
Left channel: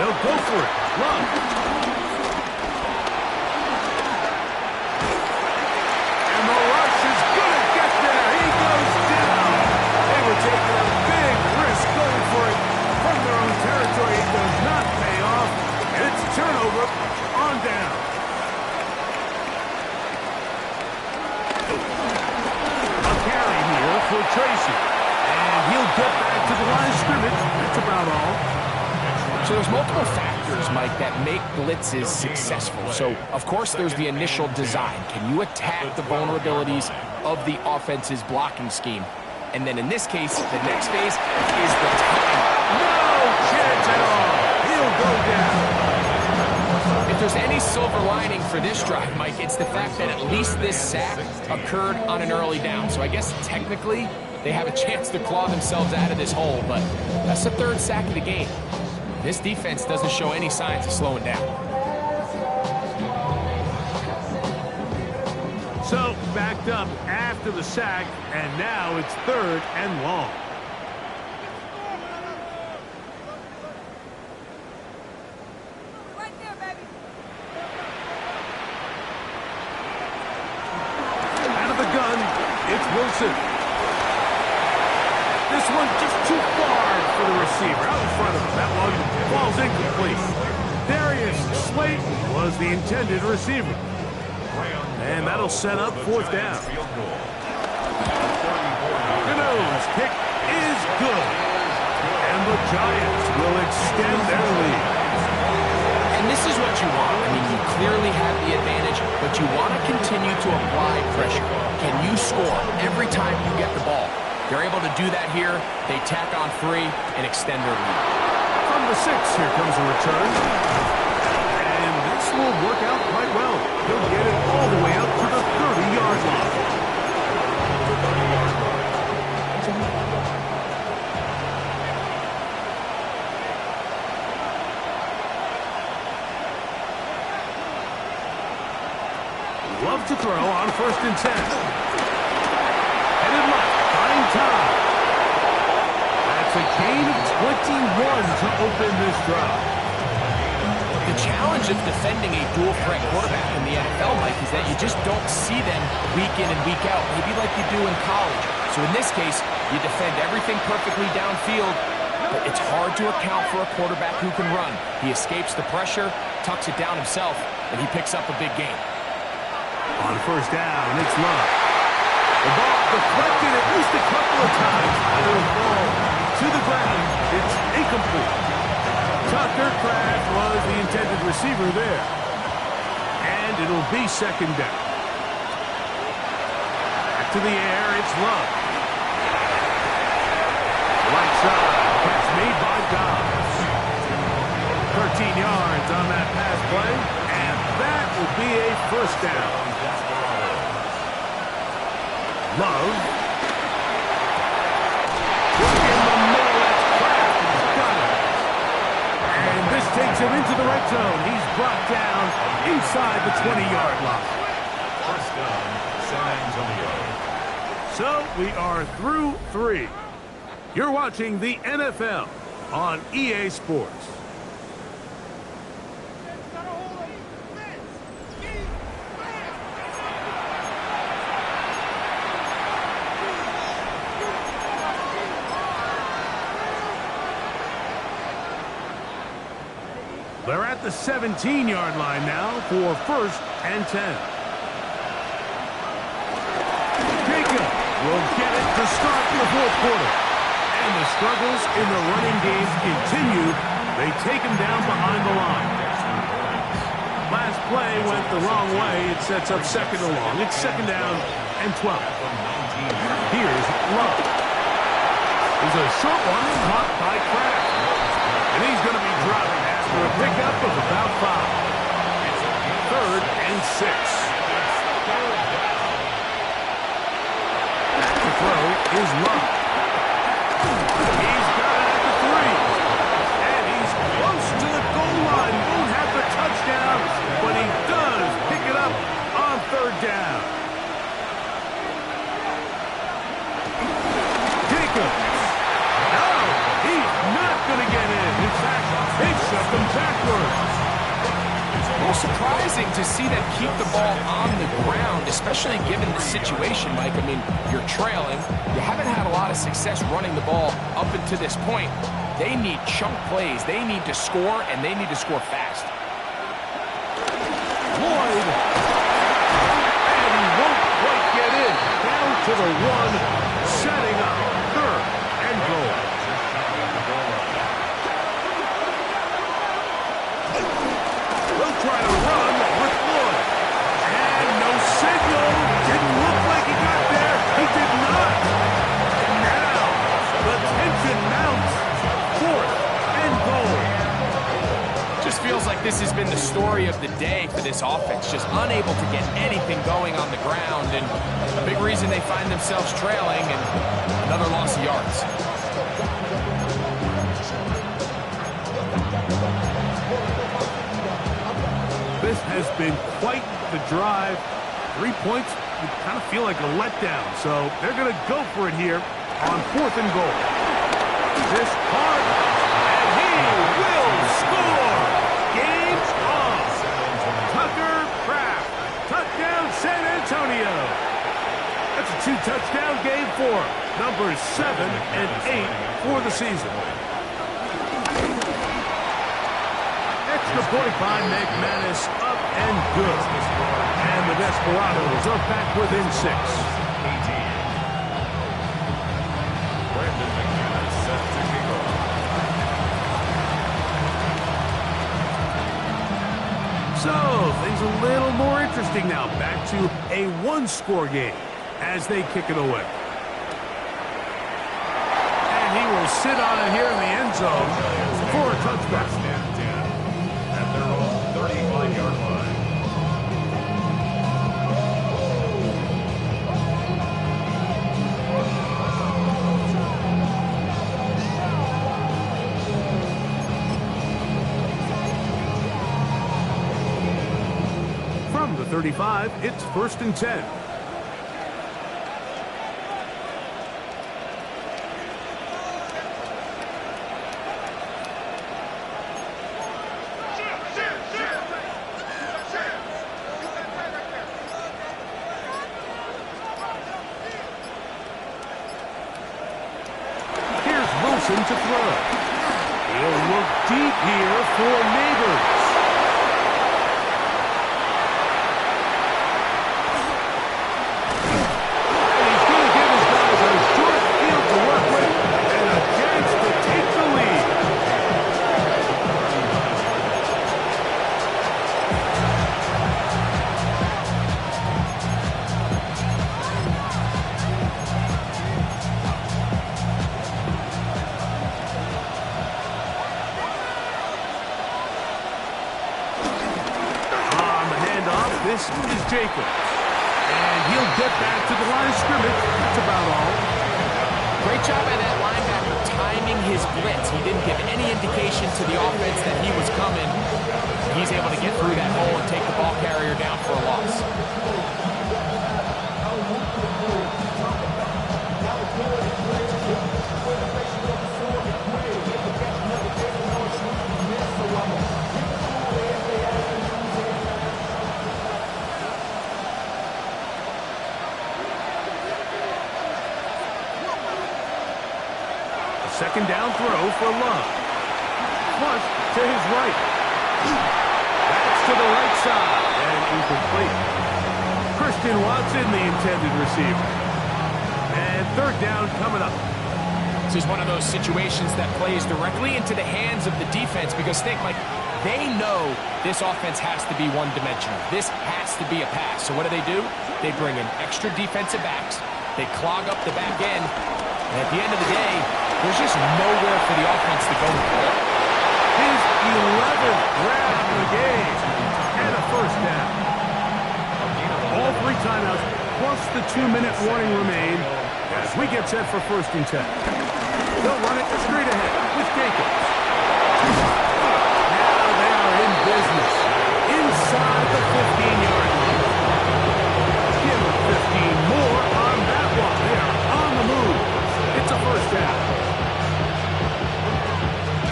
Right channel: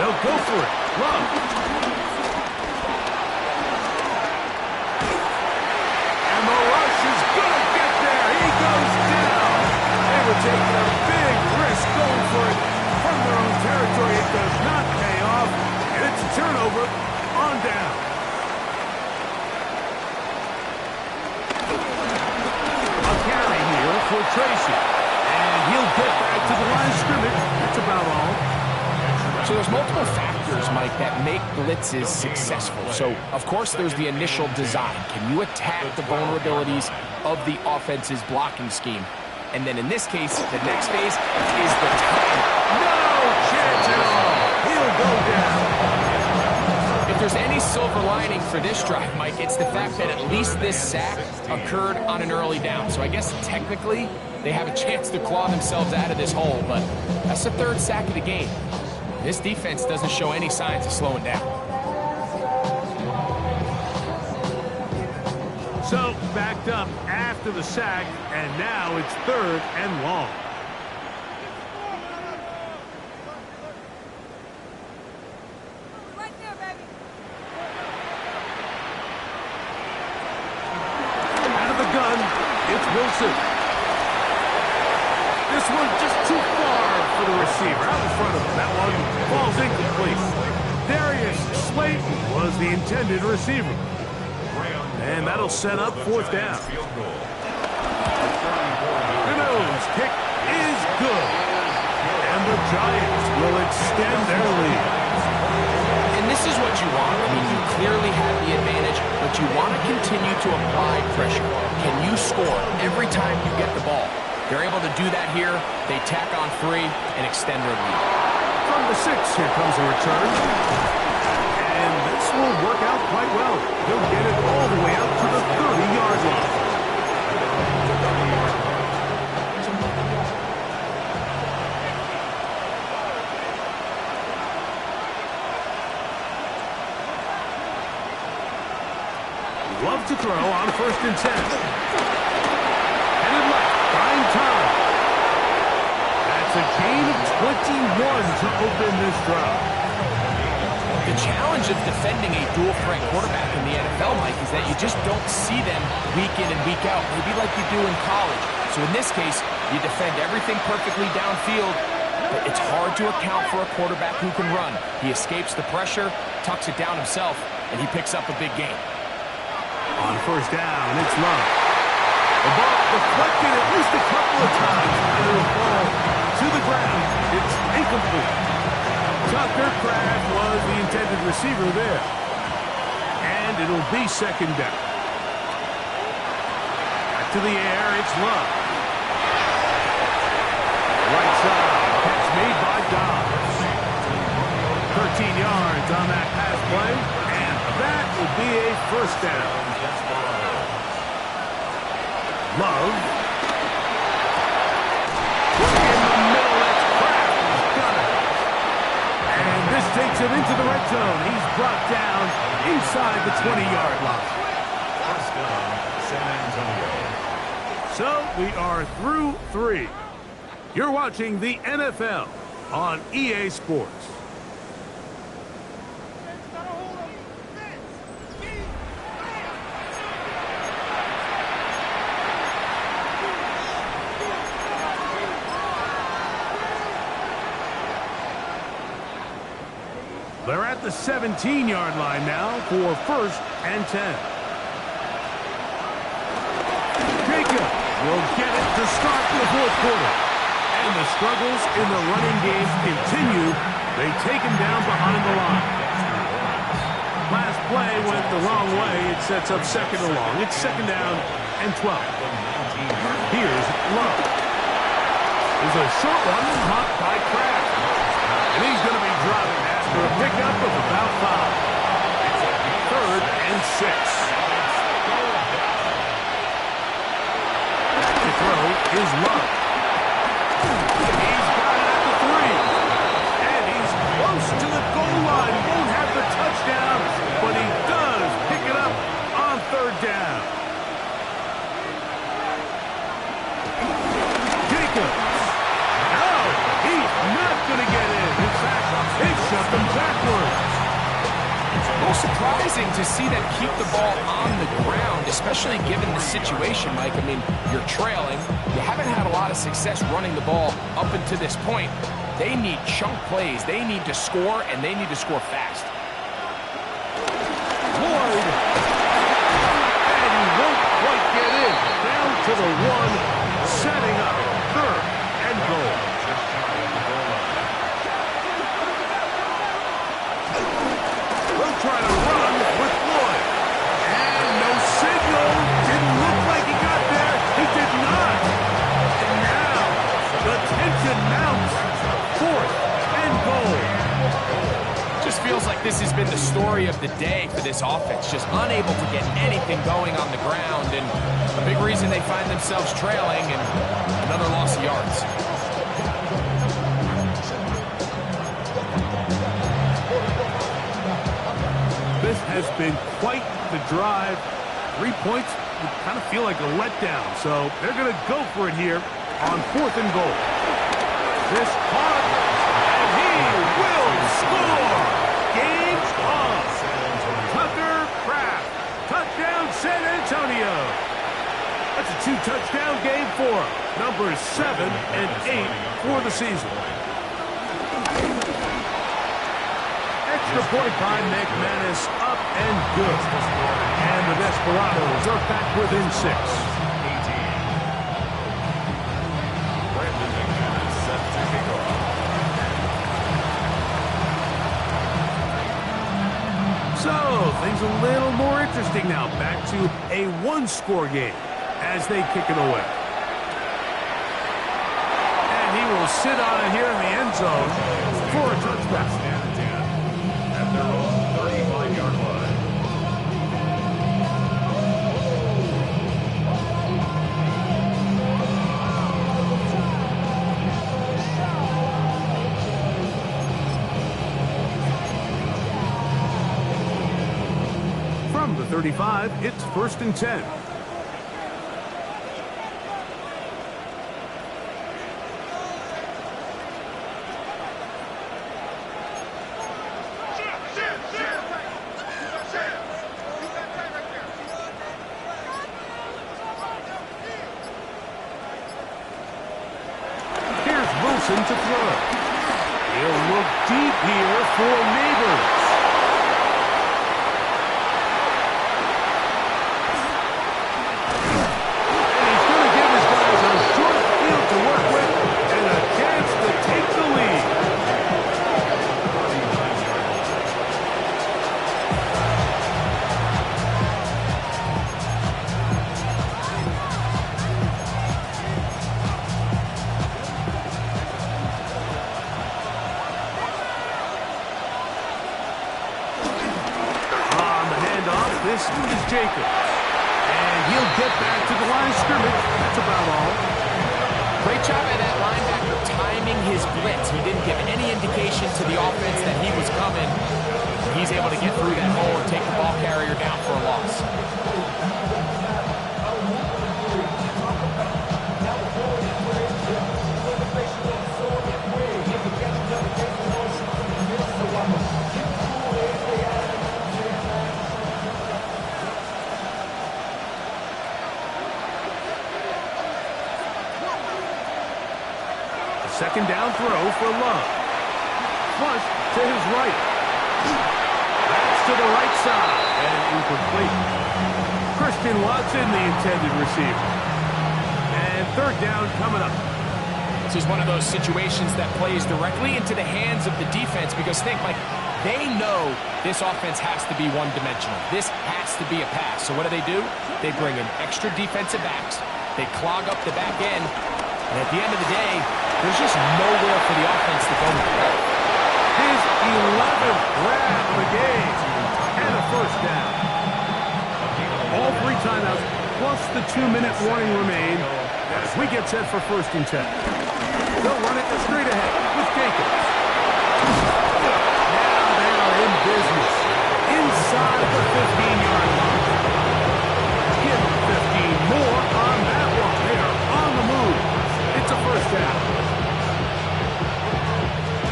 They'll go for it. Love. And the rush is going to get there. He goes down. They were taking a big risk going for it from their own territory. It does not pay off, and it's a turnover on down. A carry here for Tracy, and he'll get back to the line of scrimmage. That's about all. So there's multiple factors, Mike, that make blitzes successful. So, of course, there's the initial design. Can you attack the vulnerabilities of the offense's blocking scheme? And then in this case, the next phase is the time. No chance at all. He'll go down. If there's any silver lining for this drive, Mike, it's the fact that at least this sack occurred on an early down. So I guess technically they have a chance to claw themselves out of this hole, but that's the 3rd sack of the game. This defense doesn't show any signs of slowing down. So, backed up after the sack, and now it's 3rd and long. Right there, baby. Out of the gun, it's Wilson. This one just too far for the receiver. Out in front of him. That one falls incomplete. Darius Slayton was the intended receiver. And that'll set up 4th down. Gano's kick is good. And the Giants will extend their lead. And this is what you want. I mean, you clearly have the advantage, but you want to continue to apply pressure. Can you score every time you get the ball? They're able to do that here. They tack on 3 and extend their lead. From the 6, here comes a return. And this will work out quite well. He'll get it all the way out to the 30-yard line. Love to throw on 1st and 10. Headed left, buying time. That's a gain of 21 to open this drive. The challenge of defending a dual-threat quarterback in the NFL, Mike, is that you just don't see them week in and week out, maybe like you do in college. So in this case, you defend everything perfectly downfield, but it's hard to account for a quarterback who can run. He escapes the pressure, tucks it down himself, and he picks up a big gain. On 1st down, it's Love. The ball deflected at least a couple of times, and it'll fall to the ground. It's incomplete. Tucker Kraft was the intended receiver there. And it'll be 2nd down. Back to the air, it's Love. Right side, catch made by Dobbs. 13 yards on that pass play, and that will be a 1st down. Love. Work in the middle, that's Kraft. He's got it. And this takes him into the red zone. He's brought down inside the 20-yard line. 1st down, San Antonio. So we are through 3. You're watching the NFL on EA Sports. They're at the 17-yard line now for 1st and 10. Jacob will get it to start the 4th quarter. And the struggles in the running game continue. They take him down behind the line. Last play went the wrong way. It sets up 2nd and long. It's 2nd down and 12. Here's Love. There's a short one caught by Kraft. And he's going to be dropping after a pickup of about 5. 3rd and 6. Back to throw is Love. He's got it at the 3. And he's close to the goal line. Won't have the touchdown, but he does pick it up on 3rd down. Jacobs. No, he's not going to get in. In fact, they shoved him backwards. A little surprising to see them keep the ball on the ground, especially given the situation, Mike. I mean, you're trailing. You haven't had a lot of success running the ball up until this point. They need chunk plays. They need to score, and they need to score fast. Lloyd. And he won't quite get in. Down to the 1, setting up 3rd and goal. We'll try to run with Lloyd. And no signal. Didn't look like he got there. He did not. And now the tension mounts. 4th and goal. Just feels like this has been the story of the day for this offense. Just unable to get anything going on the ground. And a big reason they find themselves trailing and another loss of yards. This has been quite the drive. 3 points would kind of feel like a letdown. So they're going to go for it here on 4th and goal. This caught, and he will score. Game on. Tucker Kraft. Touchdown San Antonio. That's a 2-touchdown game for him. Numbers 7 and 8 for the season. Extra point by McManus, up and good. And the Desperados are back within 6. Brandon McManus set to kick off. So, things a little more interesting now. Back to a 1-score game as they kick it away. And he will sit on it here in the end zone for a touchback. At their own 35-yard line. From the 35, it's 1st and 10. Wilson to throw. He'll look deep here for Neighbors. And he's going to give his guys a short field to work with and a chance to take the lead. This is Jacobs. And he'll get back to the line of scrimmage. That's about all. Great job by that linebacker timing his blitz. He didn't give any indication to the offense that he was coming. He's able to get through that hole and take the ball carrier down for a loss. Second down throw for Love. Flush to his right. That's to the right side and incomplete. Christian Watson, the intended receiver. And third down coming up. This is one of those situations that plays directly into the hands of the defense because think, Mike, they know this offense has to be one-dimensional. This has to be a pass. So what do? They bring in extra defensive backs. They clog up the back end. And at the end of the day, there's just nowhere for the offense to go with the ball. His 11th grab of the game and a first down. All 3 timeouts plus the 2-minute warning remain as we get set for 1st and 10. They'll run it straight ahead with Jacobs. Now they are in business inside the 15-yard line. Give them 15 more on that one. They are on the move. It's a first down.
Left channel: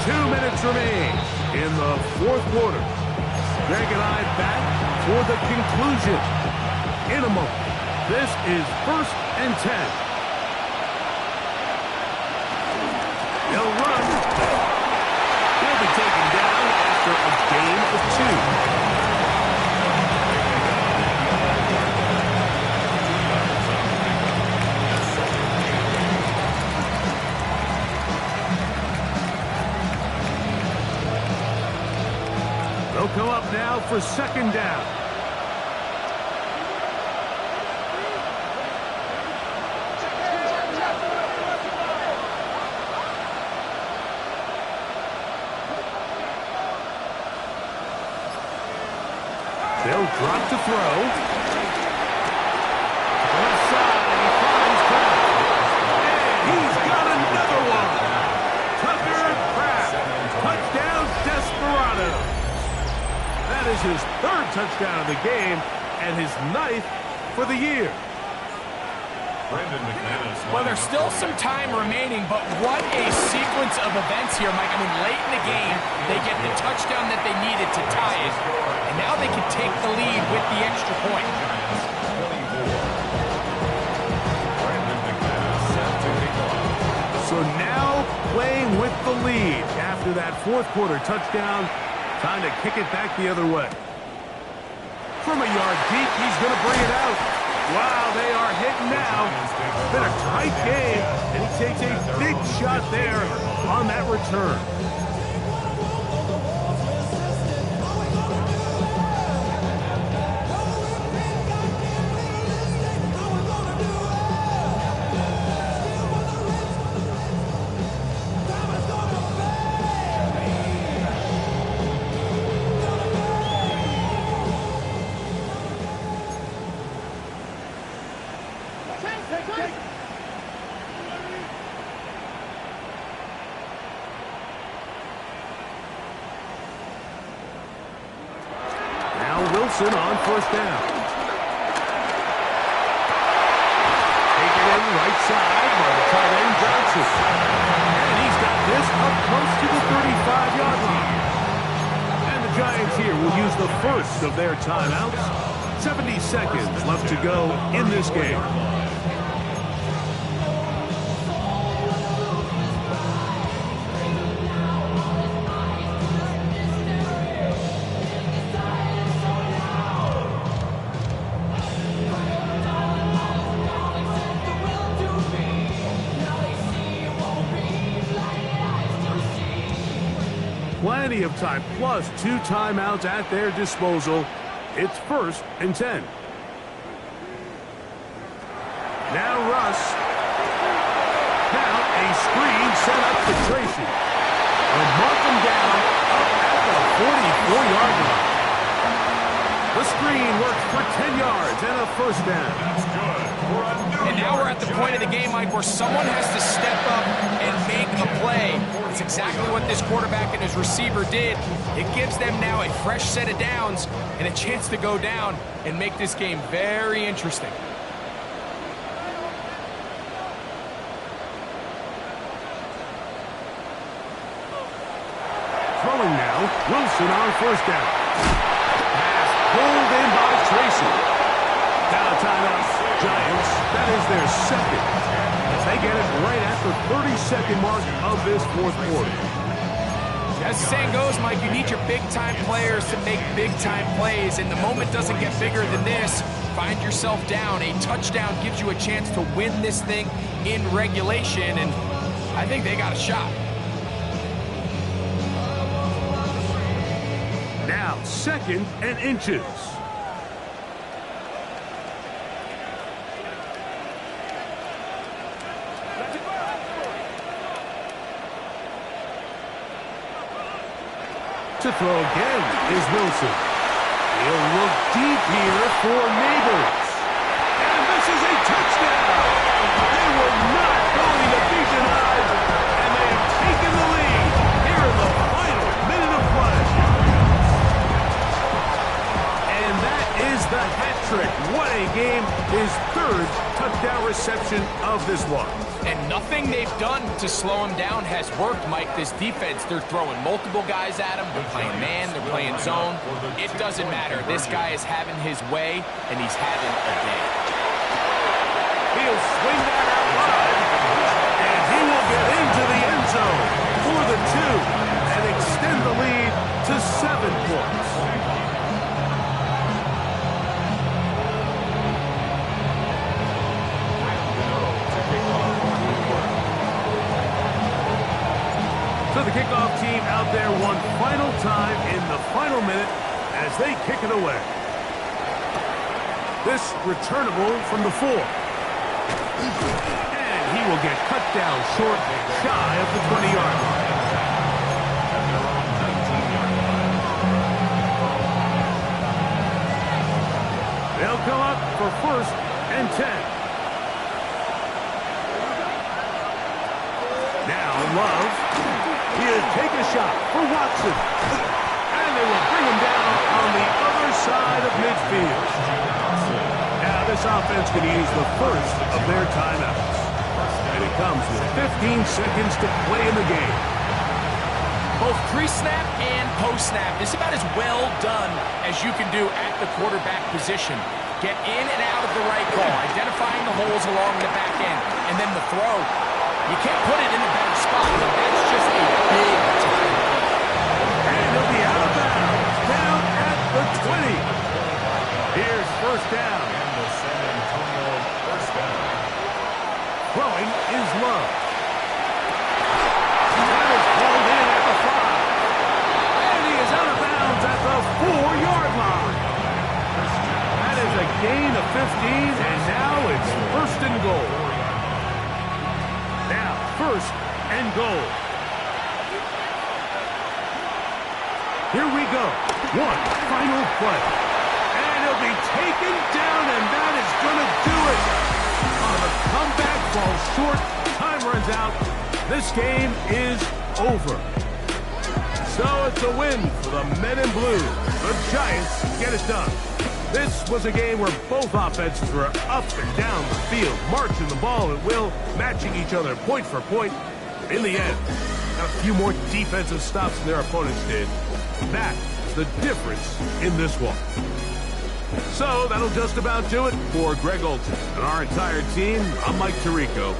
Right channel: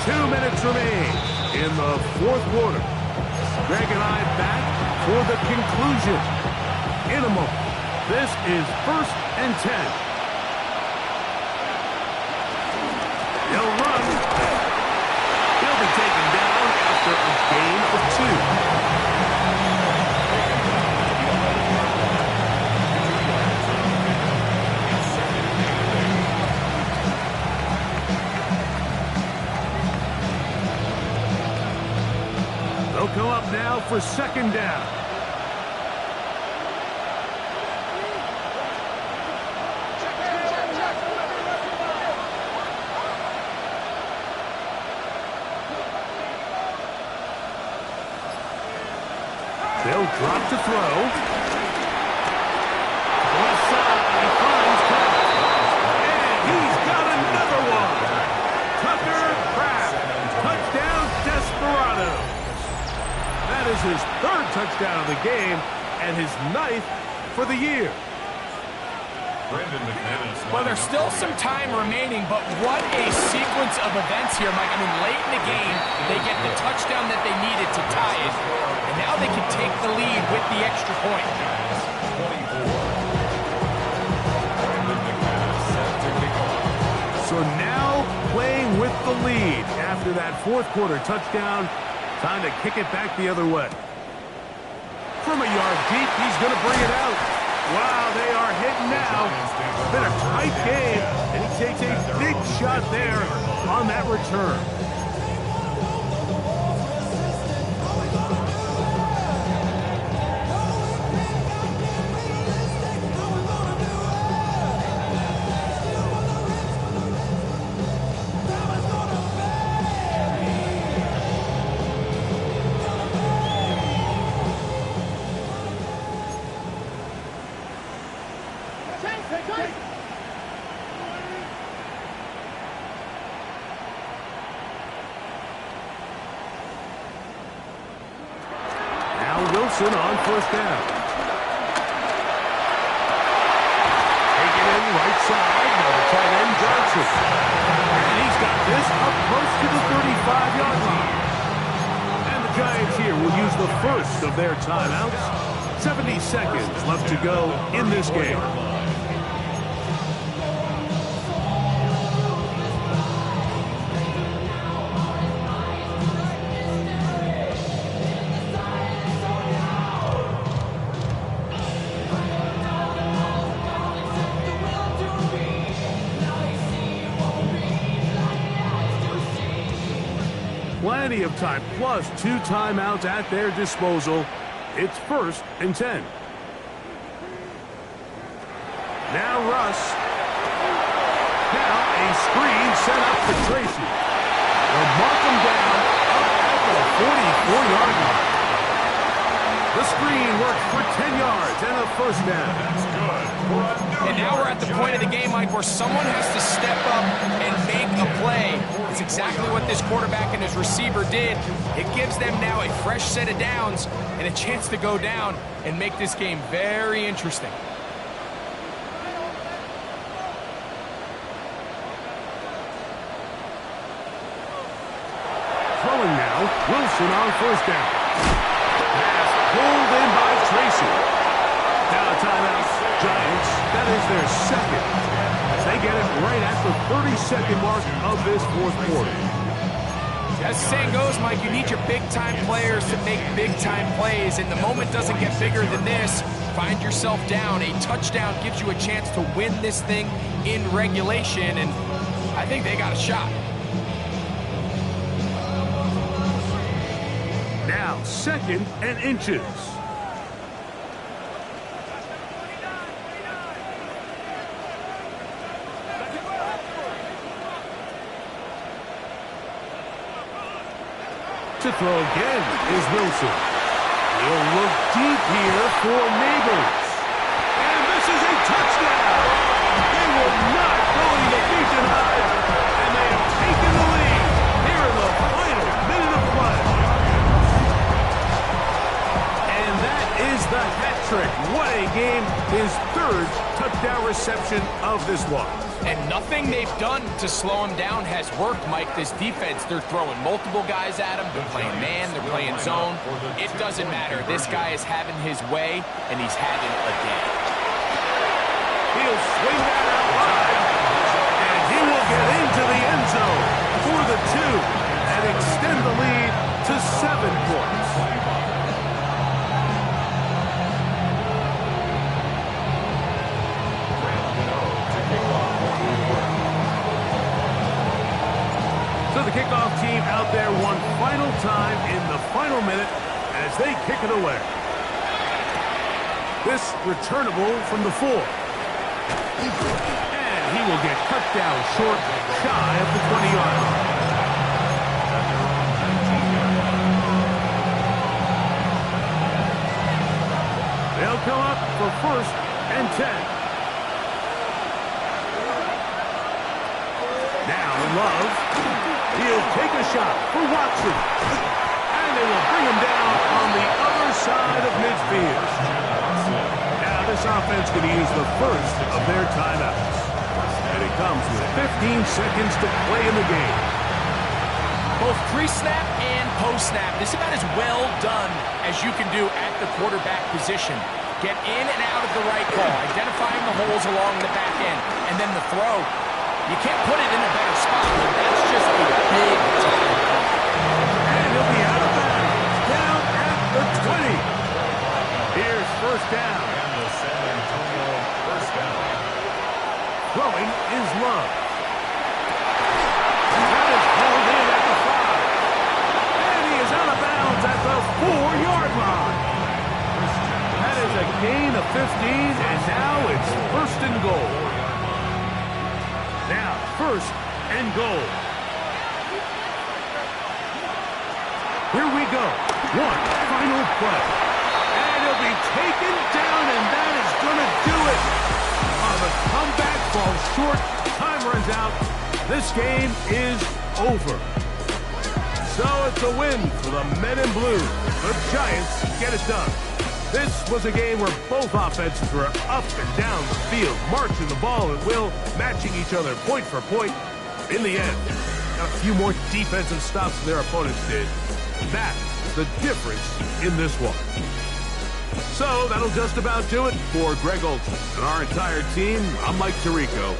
2 minutes remain in the 4th quarter. Greg and I back for the conclusion in a moment. This is 1st and 10. He'll run. He'll be taken down after a gain of 2. They'll come up now for 2nd down. They'll drop to throw. Left side, he finds Kraft. And he's got another one. Tucker Kraft. Touchdown, Desperado. That is his 3rd touchdown of the game and his 9th for the year. Well, there's still some time remaining, but what a sequence of events here, Mike. I mean, late in the game, they get the touchdown that they needed to tie it, and now they can take the lead with the extra point. So now playing with the lead after that 4th quarter touchdown, time to kick it back the other way. From a yard deep, he's going to bring it out. Wow, they are hitting now. It's been a tight game, and he takes a big shot there on that return. Wilson on 1st down. Take it in right side by the tight end Johnson. And he's got this up close to the 35-yard line. And the Giants here will use the first of their timeouts. 70 seconds left to go in this game. Plenty of time, plus 2 timeouts at their disposal. It's 1st and 10. Now Russ. Now a screen set up for Tracy. They'll mark him down up at the 44-yard line. The screen works for 10 yards and a first down. That's good. And now we're at the point of the game, Mike, where someone has to step up and make a play. It's exactly what this quarterback and his receiver did. It gives them now a fresh set of downs and a chance to go down and make this game very interesting. Throwing now, Wilson on 1st down. Pass pulled in by Tracy. Now a timeout, Giants. That is their 2nd. As they get it right at the 30-second mark of this 4th quarter. As the saying goes, Mike, you need your big-time players to make big-time plays, and the moment doesn't get bigger than this. Find yourself down. A touchdown gives you a chance to win this thing in regulation, and I think they got a shot. Now, 2nd and inches. To throw again is Wilson. He'll look deep here for Neighbors. And this is a touchdown. They were not going to be denied, and they have taken the lead here in the final minute of play. And that is the hat trick. What a game. His 3rd touchdown reception of this one. And nothing they've done to slow him down has worked, Mike. This defense, they're throwing multiple guys at him. They're playing man, they're playing zone. It doesn't matter. This guy is having his way, and he's having a day. He'll swing that out wide, and he will get into the end zone for the 2 and extend the lead to 7 points. So the kickoff team out there one final time in the final minute as they kick it away. This returnable from the 4. And he will get cut down short, shy of the 20-yard line. At their own 19-yard line. They'll come up for 1st and 10. Now Love. He'll take a shot for Watson. And they will bring him down on the other side of midfield. Now this offense can use the 1st of their timeouts. And it comes with 15 seconds to play in the game. Both pre-snap and post-snap, this is about as well done as you can do at the quarterback position. Get in and out of the right call, identifying the holes along the back end, and then the throw. You can't put it in a better spot, but that's just a big time. And he'll be out of bounds, down at the 20. Here's 1st down. And the San Antonio 1st down. Throwing is Love. That is pulled in at the 5. And he is out of bounds at the 4-yard line. That is a gain of 15, and now it's 1st and goal. Now, 1st and goal. Here we go. One final play. And he'll be taken down, and that is going to do it. The comeback falls short. Time runs out. This game is over. So it's a win for the Men in Blue. The Giants get it done. This was a game where both offenses were up and down the field, marching the ball at will, matching each other point for point. In the end, got a few more defensive stops than their opponents did. That is the difference in this one. So that'll just about do it for Greg Olsen and our entire team. I'm Mike Tirico.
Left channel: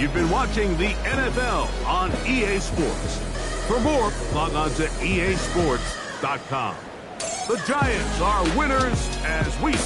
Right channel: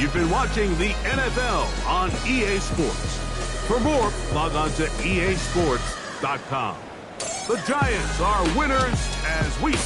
You've been watching the NFL on EA Sports. For more, log on to easports.com. The Giants are winners as we